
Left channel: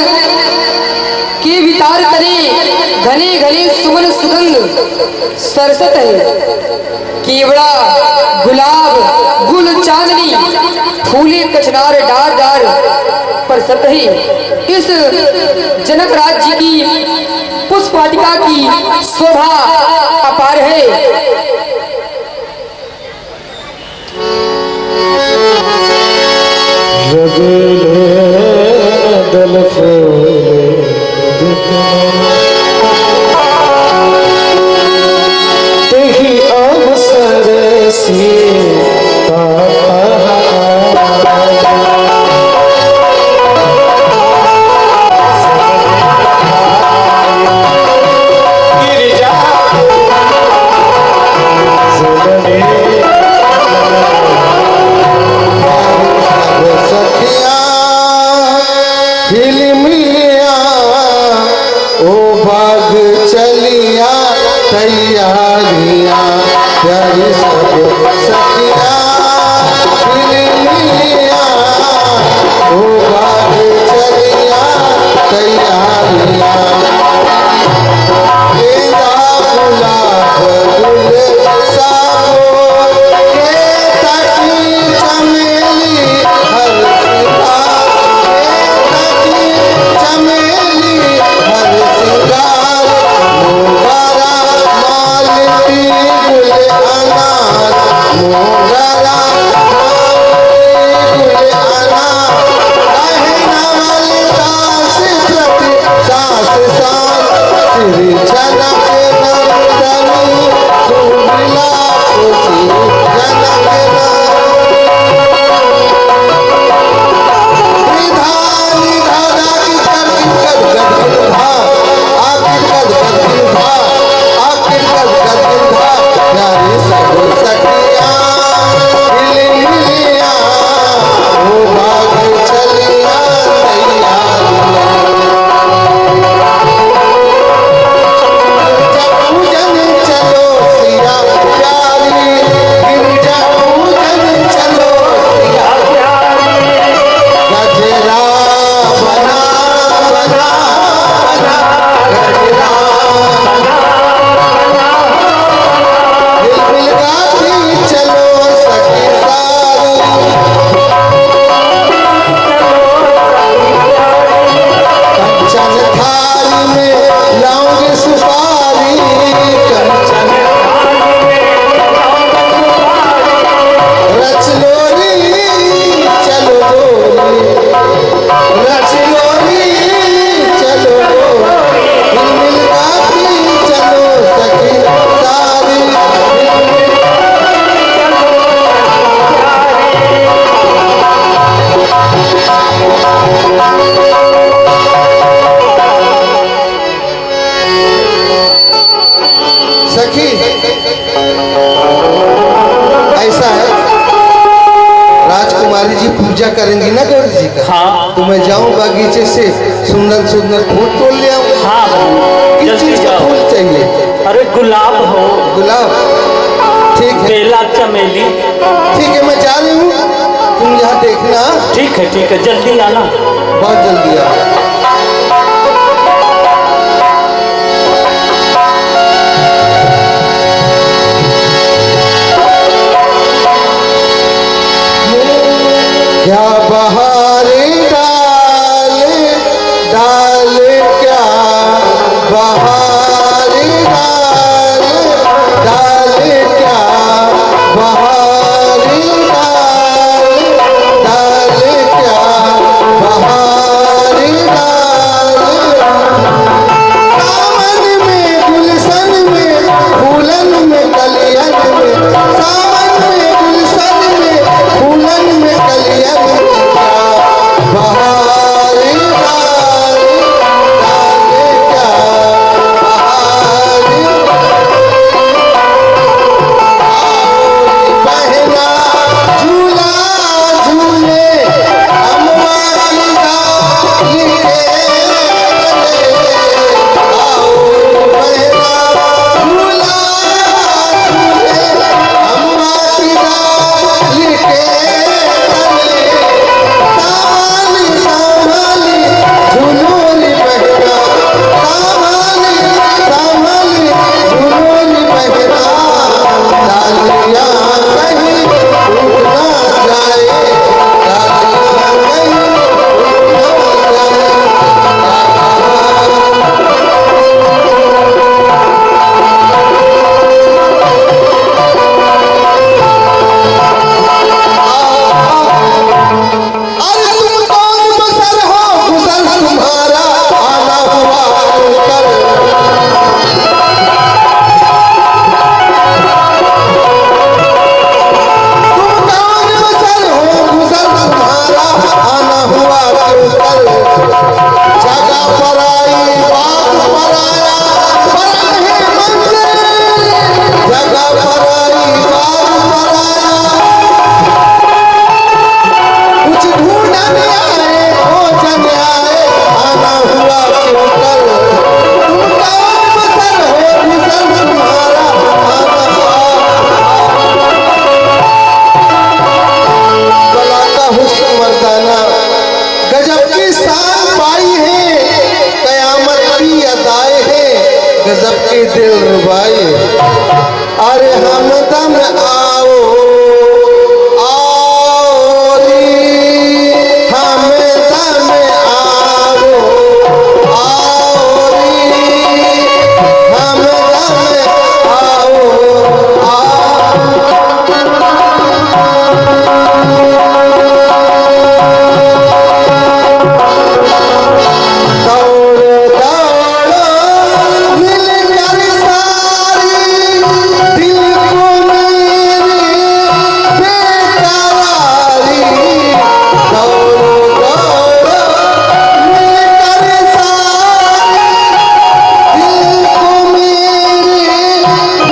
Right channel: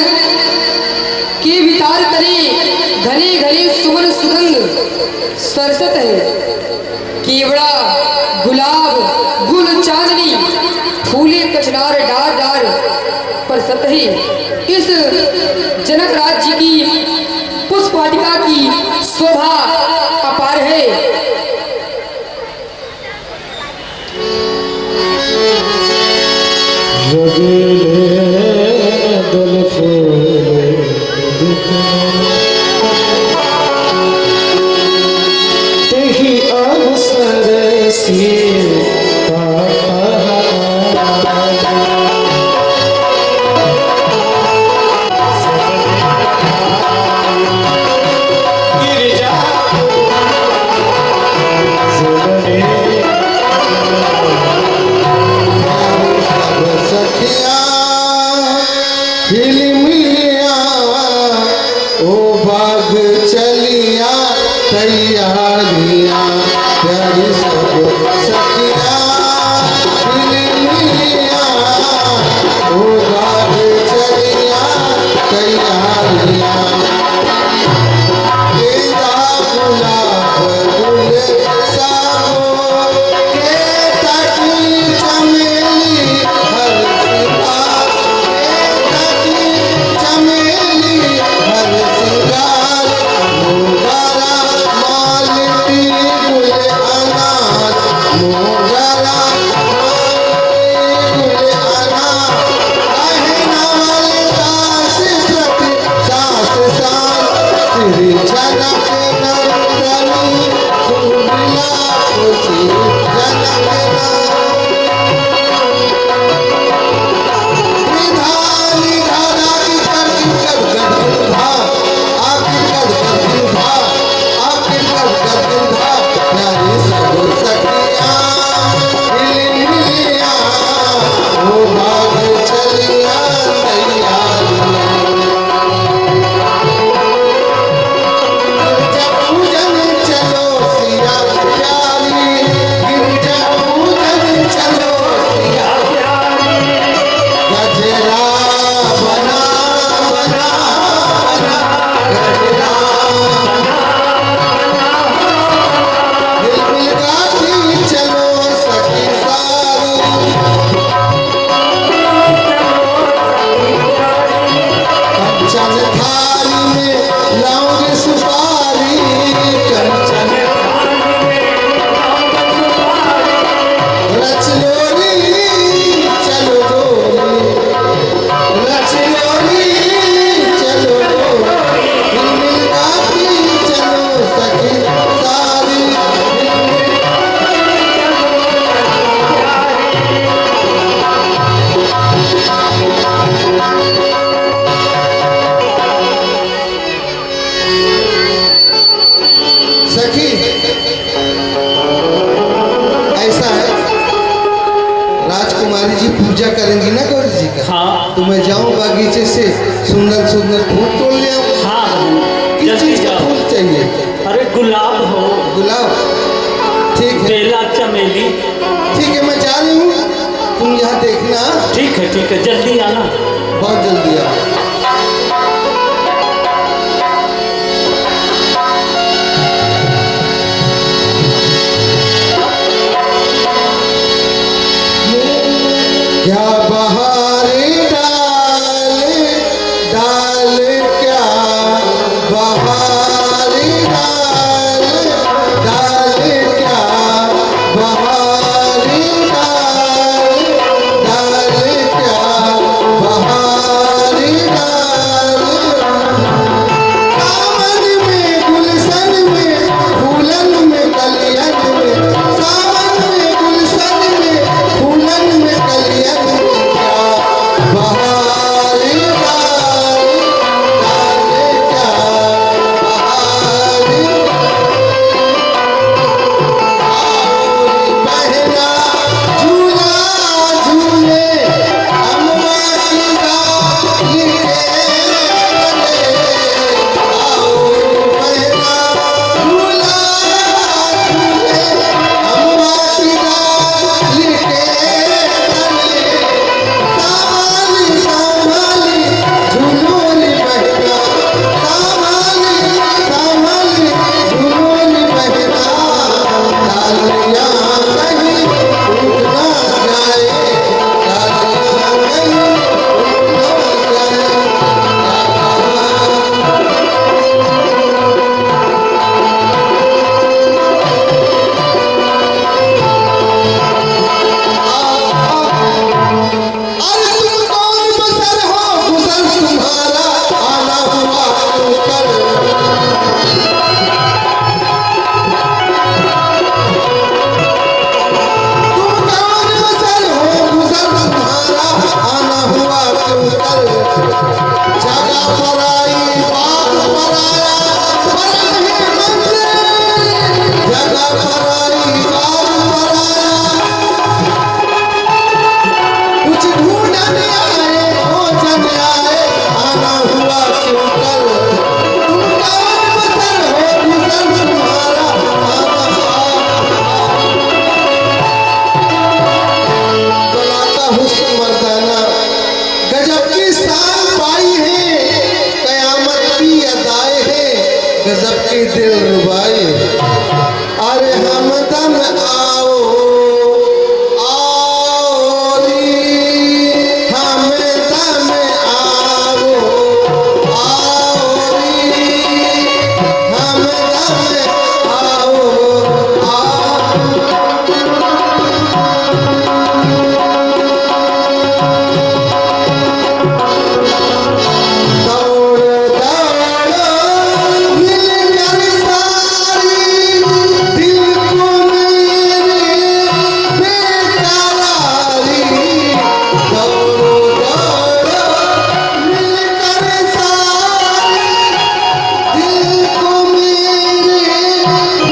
के वितार तले घने घने सुमन सुगंध सरसत है। केवड़ा गुलाब गुल चांदनी फूले कचनार डार डार पर सतही इस जनक राज जी की पुष्प वाटिका की शोभा अपार है। रगले दल फूले तेहि अवसर सीता गिरिजा कुमारी जी पूजा करेंगी ना गौरी जी का, हाँ तो मैं जाऊं बागीचे से सुंदर सुंदर फूल तोड़ ले आऊं। हाँ बहन, किस जल्दी चीज का जाओ। फूल चाहिए? अरे गुलाब हो, गुलाब, ठीक है बेला, चमेली। ठीक है, मैं जा रही हूँ, तुम यहाँ देखना। ठीक है, जल्दी आना। बहुत जल्दी आ। क्या बहारे डाल डाल, क्या बहारे डाल डाल, क्या बहारे डाल डाल, क्या बहारे डाल। सावन में गुलशन में फूलन में कलियन में, सावन में गुलशन में फूलन में कलियन में, क्या बहारे डाल डाल, क्या बहारे। आओ बहना झूला झूले, अम्मा की डाली के तले। आओ बहना झूला झूले, अम्मा की डाली के तले। संभाली संभाली झुलूली बहना, संभाली संभाली झुलूली बहना। डालियाँ कहीं टूट ना जाए, डालियाँ कहीं टूट ना जाए। अरे तुम कौन बसर हो, गुजर तुम्हारा आना हुआ कर। तुम कौन बसर हो, गुजर तुम्हारा आना हुआ कर। जगह पर आई बात पर आया बड़ा है मंदिर, जगह पर आई बात पर आया। कुछ ढूंढने आए खोजन आए, आना हुआ क्यों कर। तुम कौन बसर हो, गुजर तुम्हारा आना हुआ। गला का हुस्न मर्दाना, गजब की शान पाई है, कयामत की अदाएं हैं, गजब की दिल रुबाई। अरे हमदम आओ आओ री, हमदम आओ आओ री, हमदम आओ आओ। दौड़ो दौड़ो मिलकर सारी, दिल को मेरी बेकरारी। दौड़ो दौड़ो मिलकर सारी, दिल को मेरी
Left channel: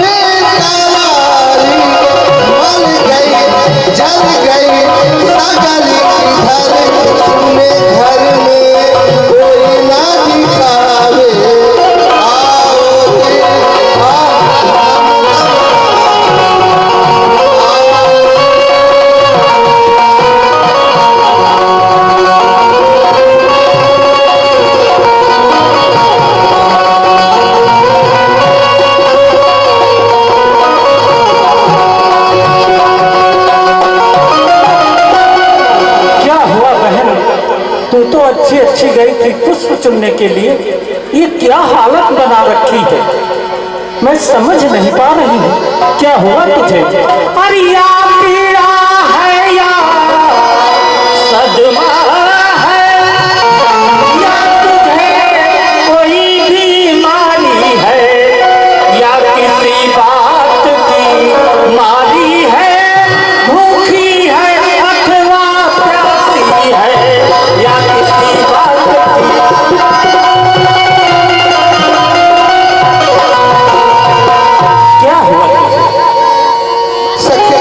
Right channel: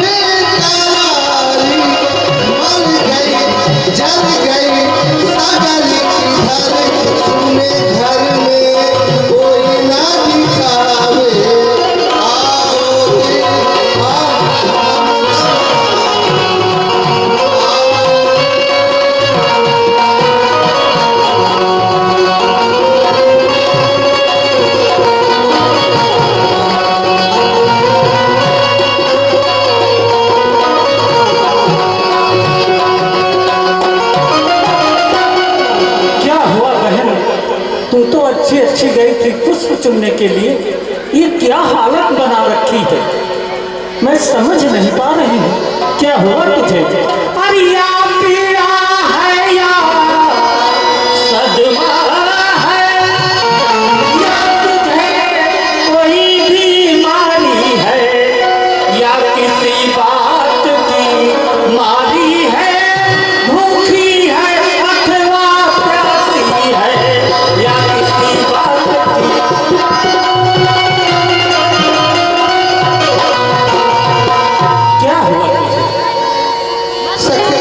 बेकरारी। मर गई जल गई सगली इधर, सुने घर में कोई ना दिखावे। आओ रे आओ। क्या हुआ बहन, तू तो अच्छी गई थी पुष्प चुनने के लिए, ये क्या हालत बना रखी है? मैं समझ नहीं पा रही हूँ, क्या हुआ तुझे? अरे या पीड़ा है या सदमा है, या तुझे कोई बीमारी है, या किसी बात की मारी है, भूखी है अथवा प्यासी है, या किसी बात की। क्या हुआ तुझे? सखे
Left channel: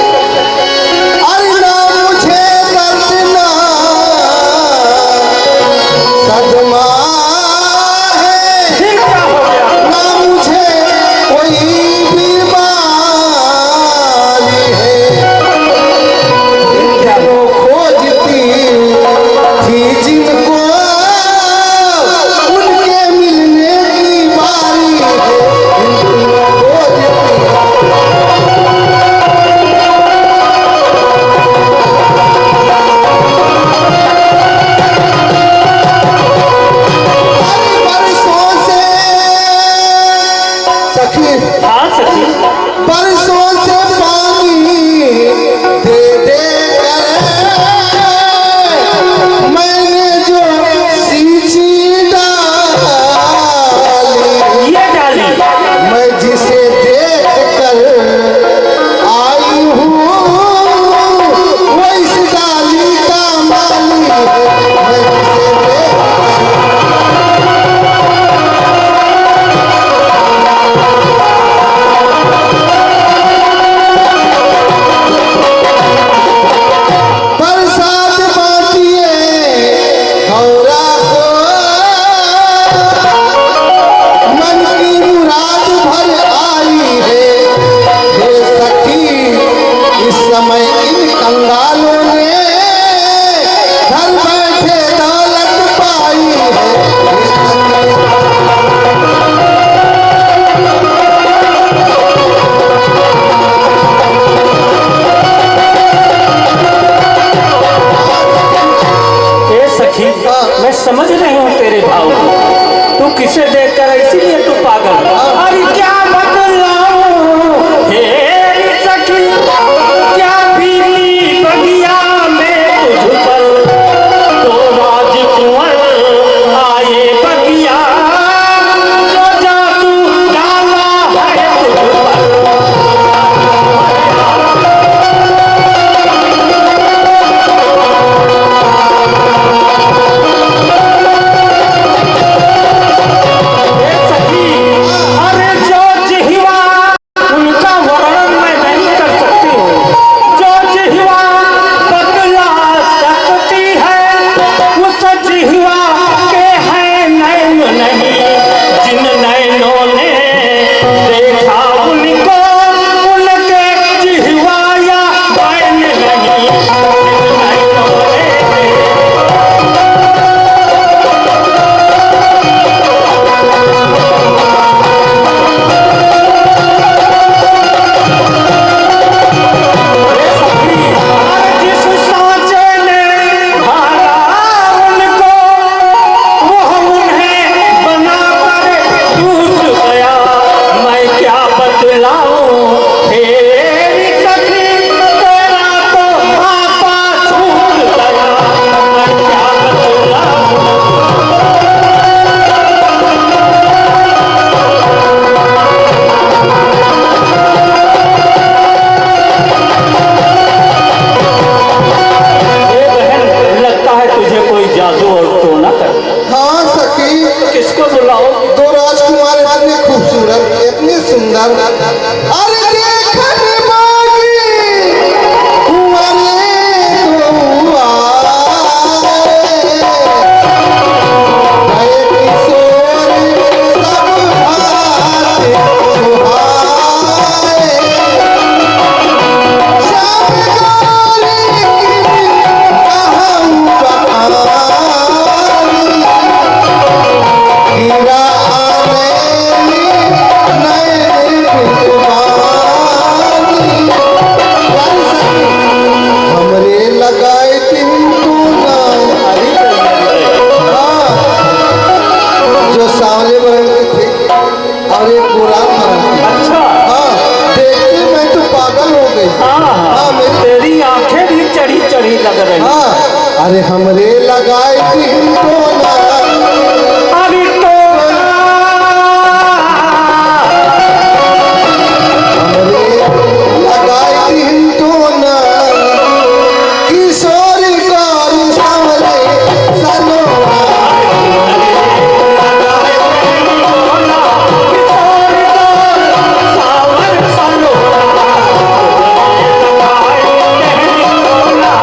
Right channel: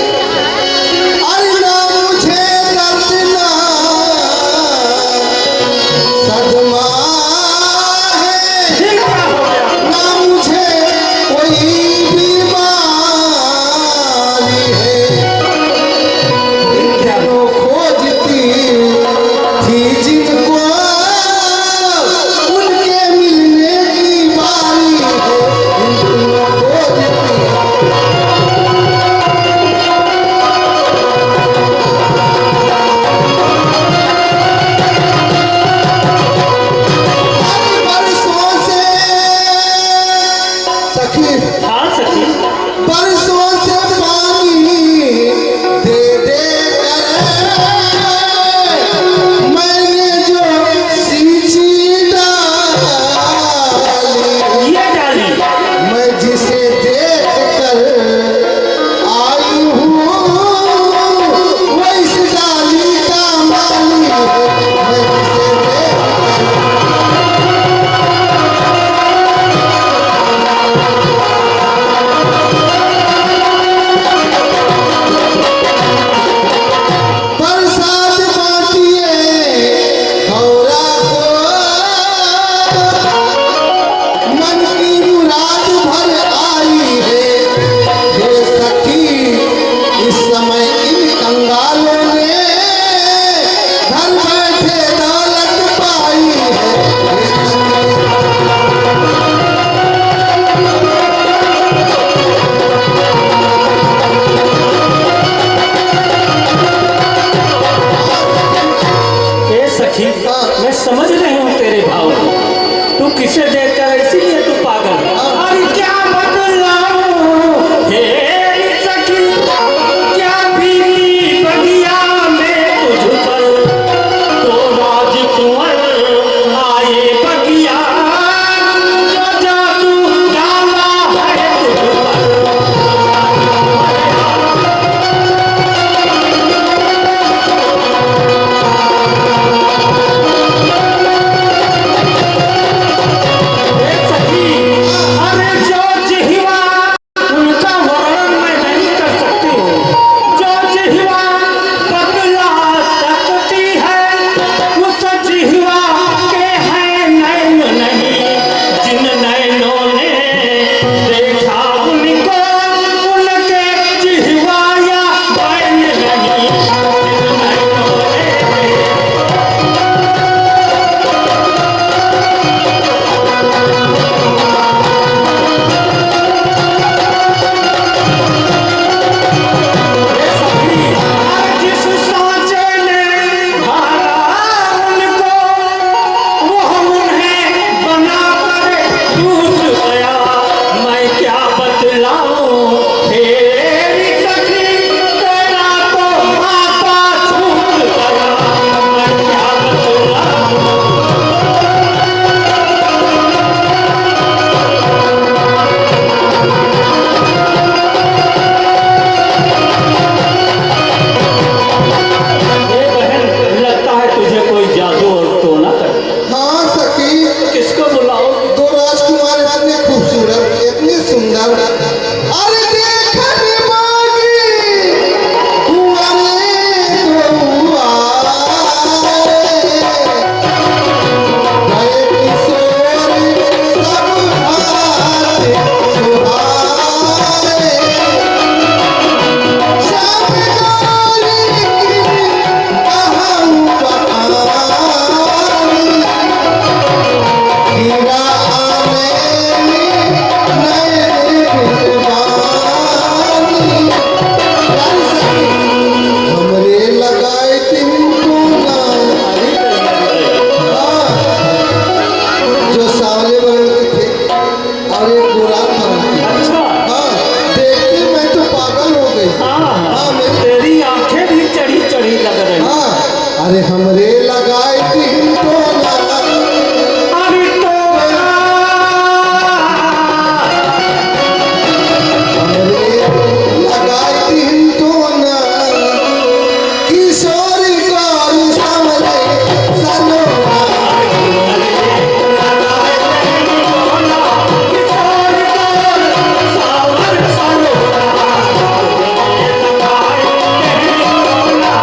कंगालों ने घर बैठे दौलत पाई है। ए सखी, मैं समझ रही हूँ तेरे भाव को। तू किसे देखकर इसीलिए तू पागल। अरे क्या बतलाऊं हे सखी, क्या बीती बगिया में तुझ पर, तो राजकुंवर आए बगिया, जो जादू डाला है तुझ पर। अरे जो जिह्वा, उनका वर्णन मैं नहीं कर सकती हूँ। जो जिह्वा बतला सकती है, उस जिह्वा के हैं नैन नहीं। जिन नैनों ने देखा उनको, उनके जिह्वा या बैन नहीं। जिन नैनों ने जिस सांचे ने ढाला उनको, वो उन्हें बनाकर टूट गया। मैं क्या बतलाऊं तेरी सखी, तेरा तो आपा छूट गया। मैं क्या बतलाऊं। ए बहन, लगता है तुझे कोई जादू और टोना कर। हाँ सखी, किसको बुलाओ? दो राजकुमार इतने खूबसूरत, इतने सुंदर, अरे देखने मांगी कुंवरे दो आए। गए किशोर सब भाते सुहाए। श्याम गौरी कहूँ बखानी, हीरा आने नए बिलवानी। यारी सखी, हमरे लगाए तिनको ना। हाँ, जो सांवले बरन के थे और एक बुरान बरन के। अच्छा। हाँ, देख के मैं तो पागल हो गई। हाँ, मेरी तेरी आंखें भी चढ़ी चढ़ी लग रही। हाँ, अरे हमरे लगाए तिनको ना। अरे टोना, हमरे लगाए तिनको ना। किशोरी गौरी सांवले सलोना। किशोर गौर सावर सलोना, लगाए टोना।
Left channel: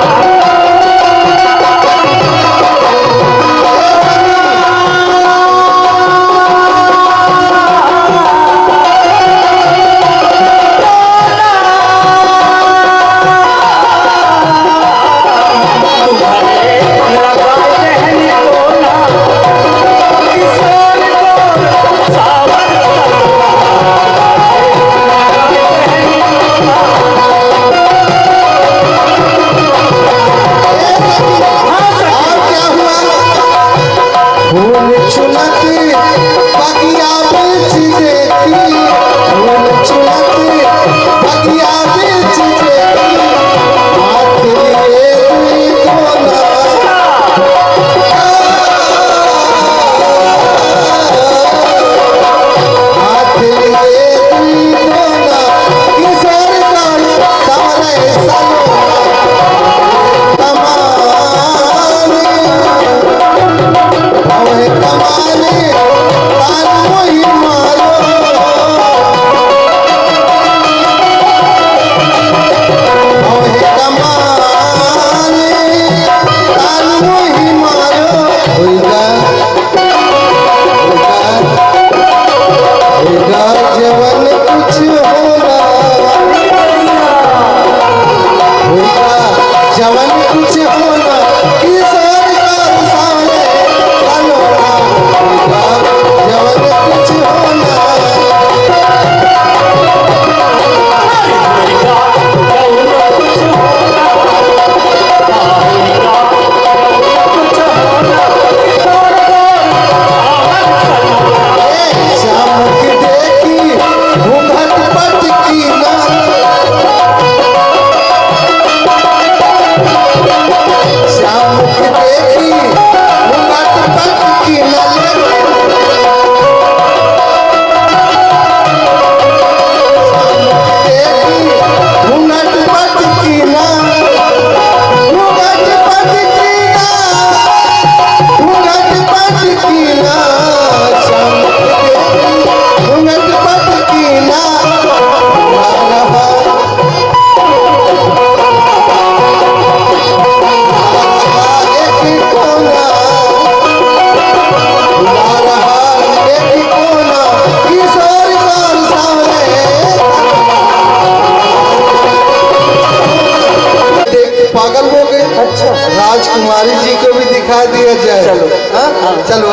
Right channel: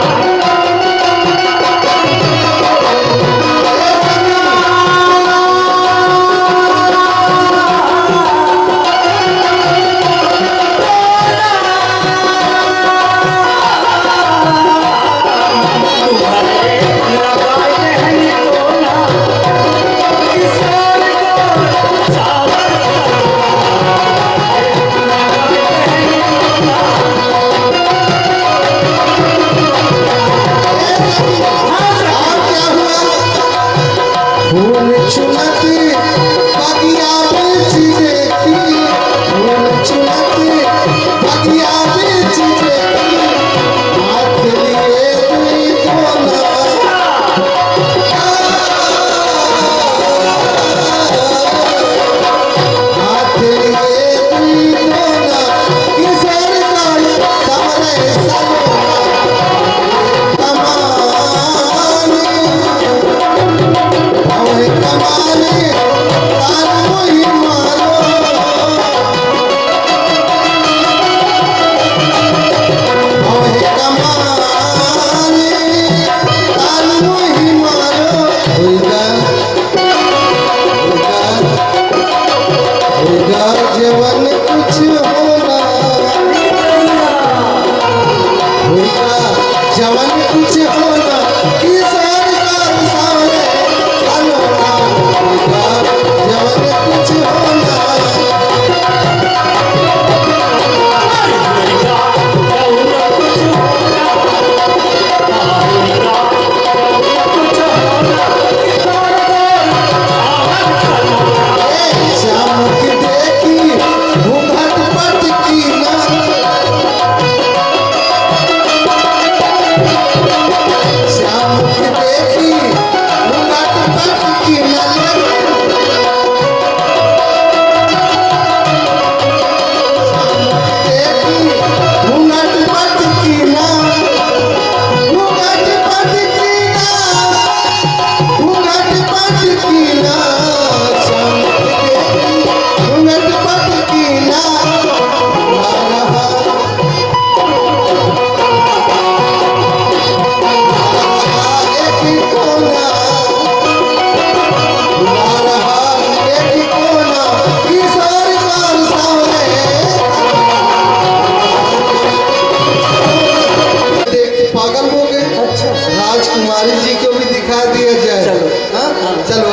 राजकुमारी जी को भी दिखा दिया जाए। चलो। हाँ चलो।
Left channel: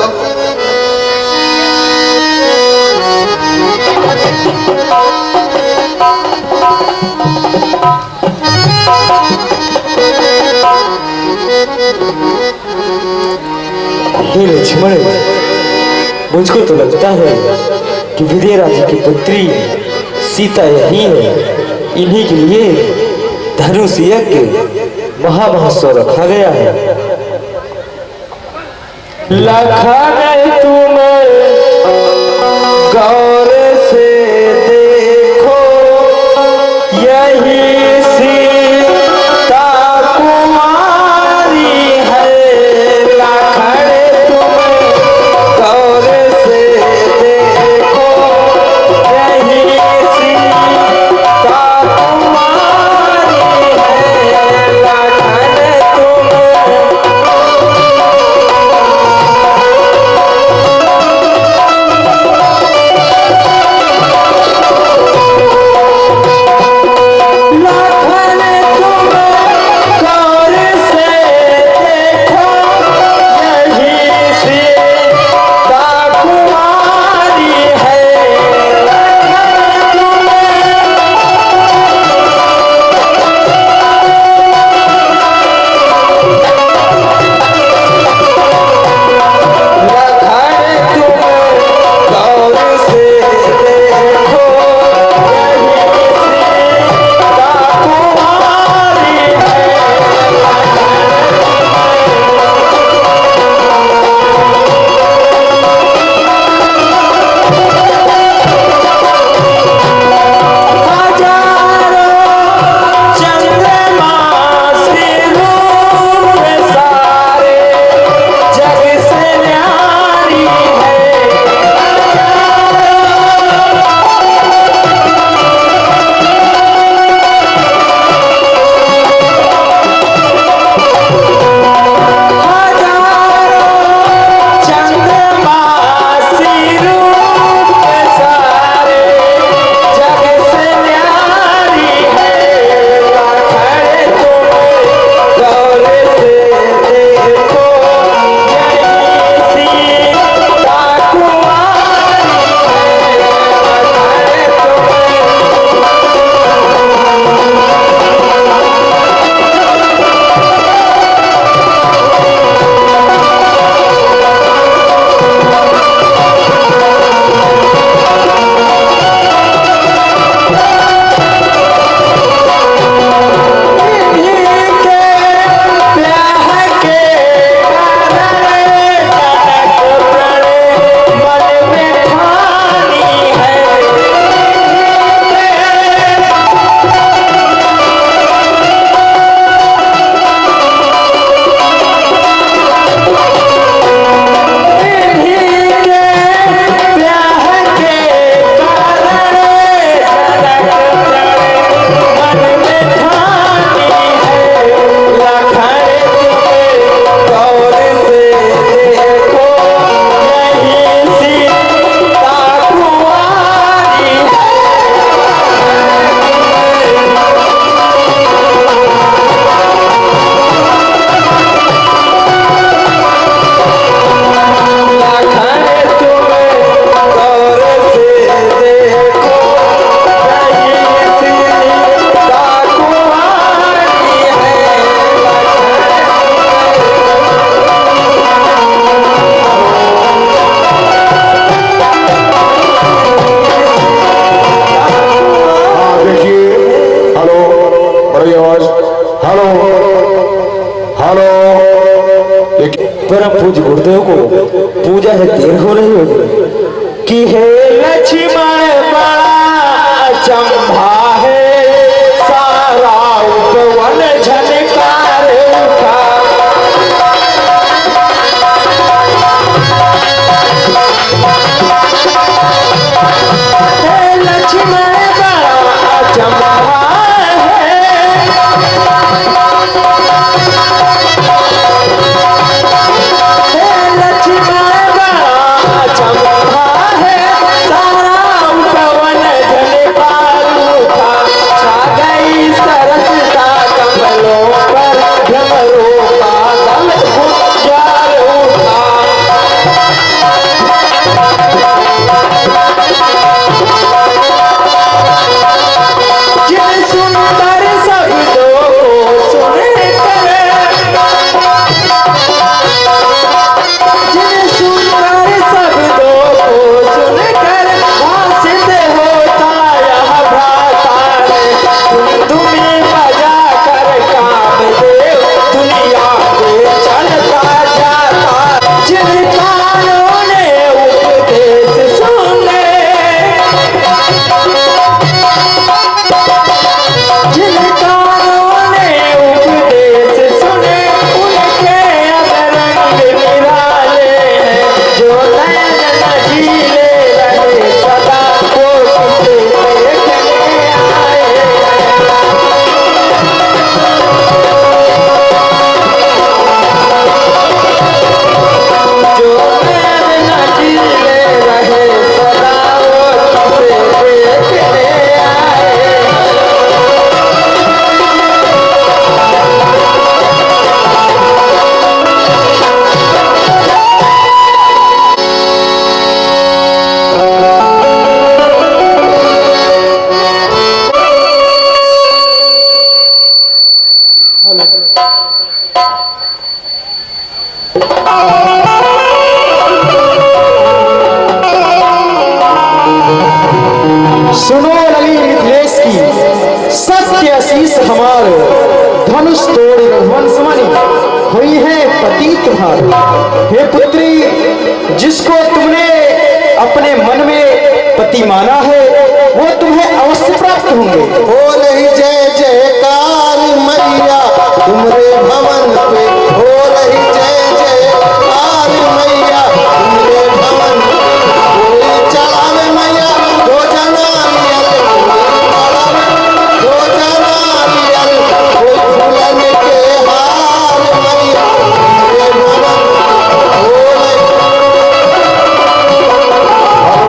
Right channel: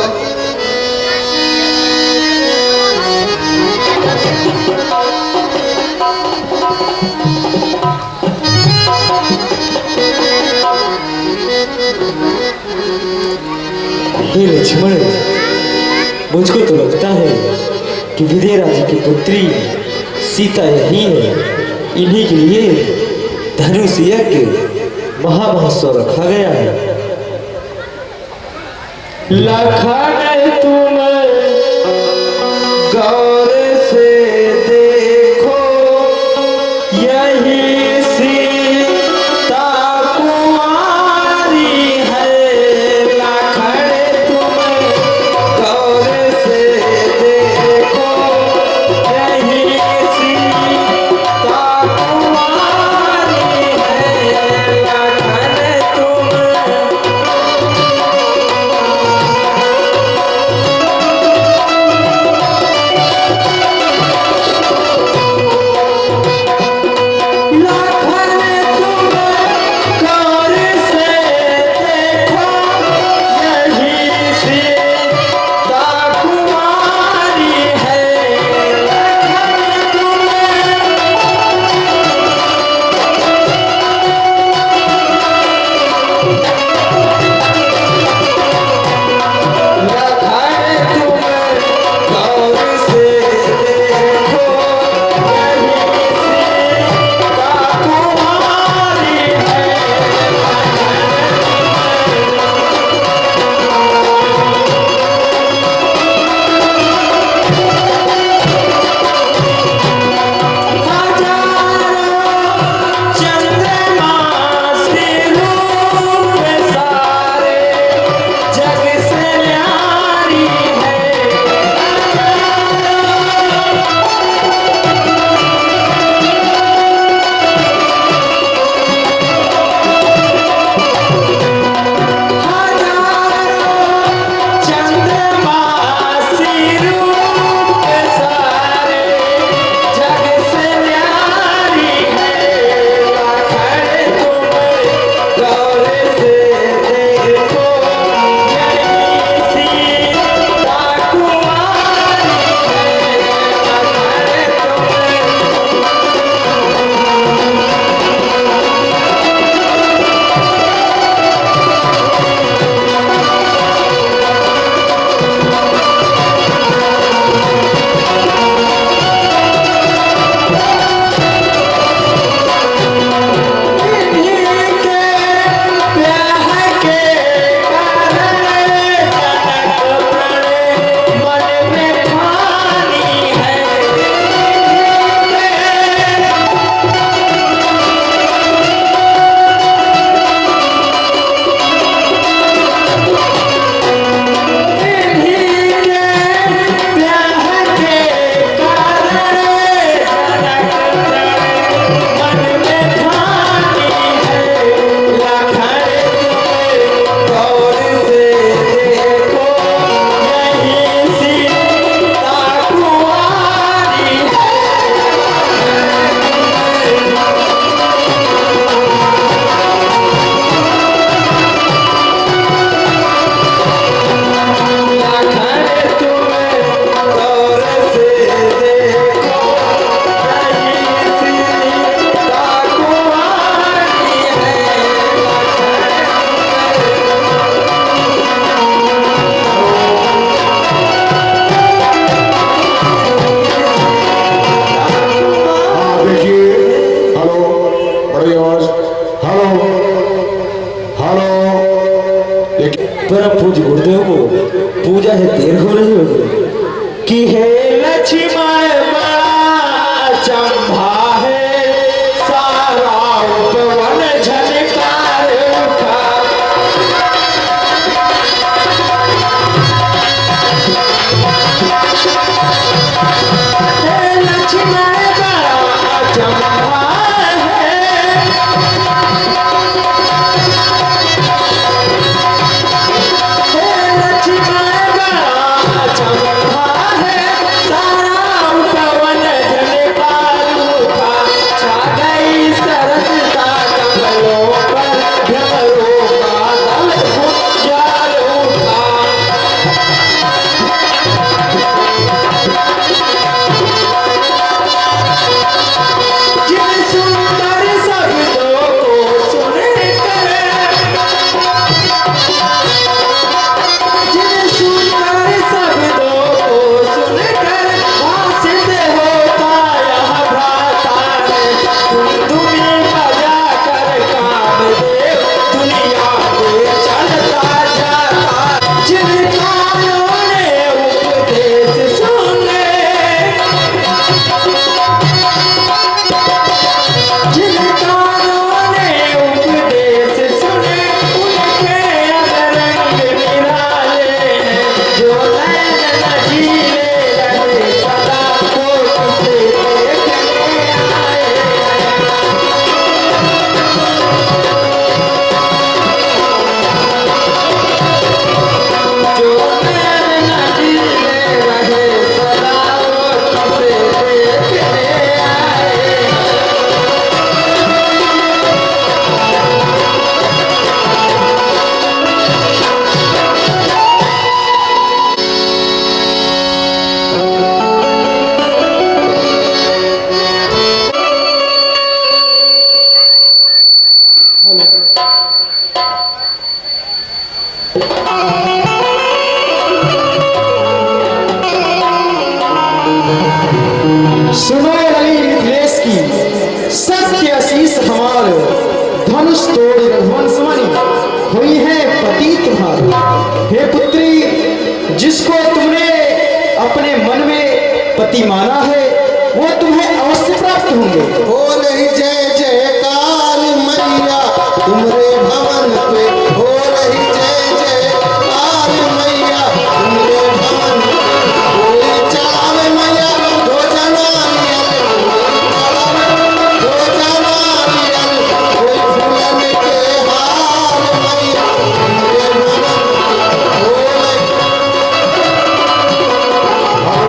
हे लक्ष्मण, मुझको तो लगता है कि विजय राजा की पुत्री सीता यही है। इन्हीं के लिए धनुष यज्ञ महामहोत्सव रखा गया है। लखन तुम गौर से देखो, यही सीता कुमारी है। लखन तुम गौर से देखो, यही सीता कुमारी है। लखन तुम परम पूज्य गुरुदेव को पूजा है देर हो रही होगी कि हे लक्ष्मण बड़ा चंभा है, सारा उपवन झनकार उठा। हे लक्ष्मण बड़ा चंभा है, सुनो लली मिथिलेश की सत्य आशीष हमार धनुष तोड़ रघुवंश मणि हुई है पति तुम्हार। हे पुत्री, जिसको तुमने अपने मन में पति माना है वो तुम्हें अवश्य प्राप्त होंगे। हो रही जय जयकार मैया तुमरे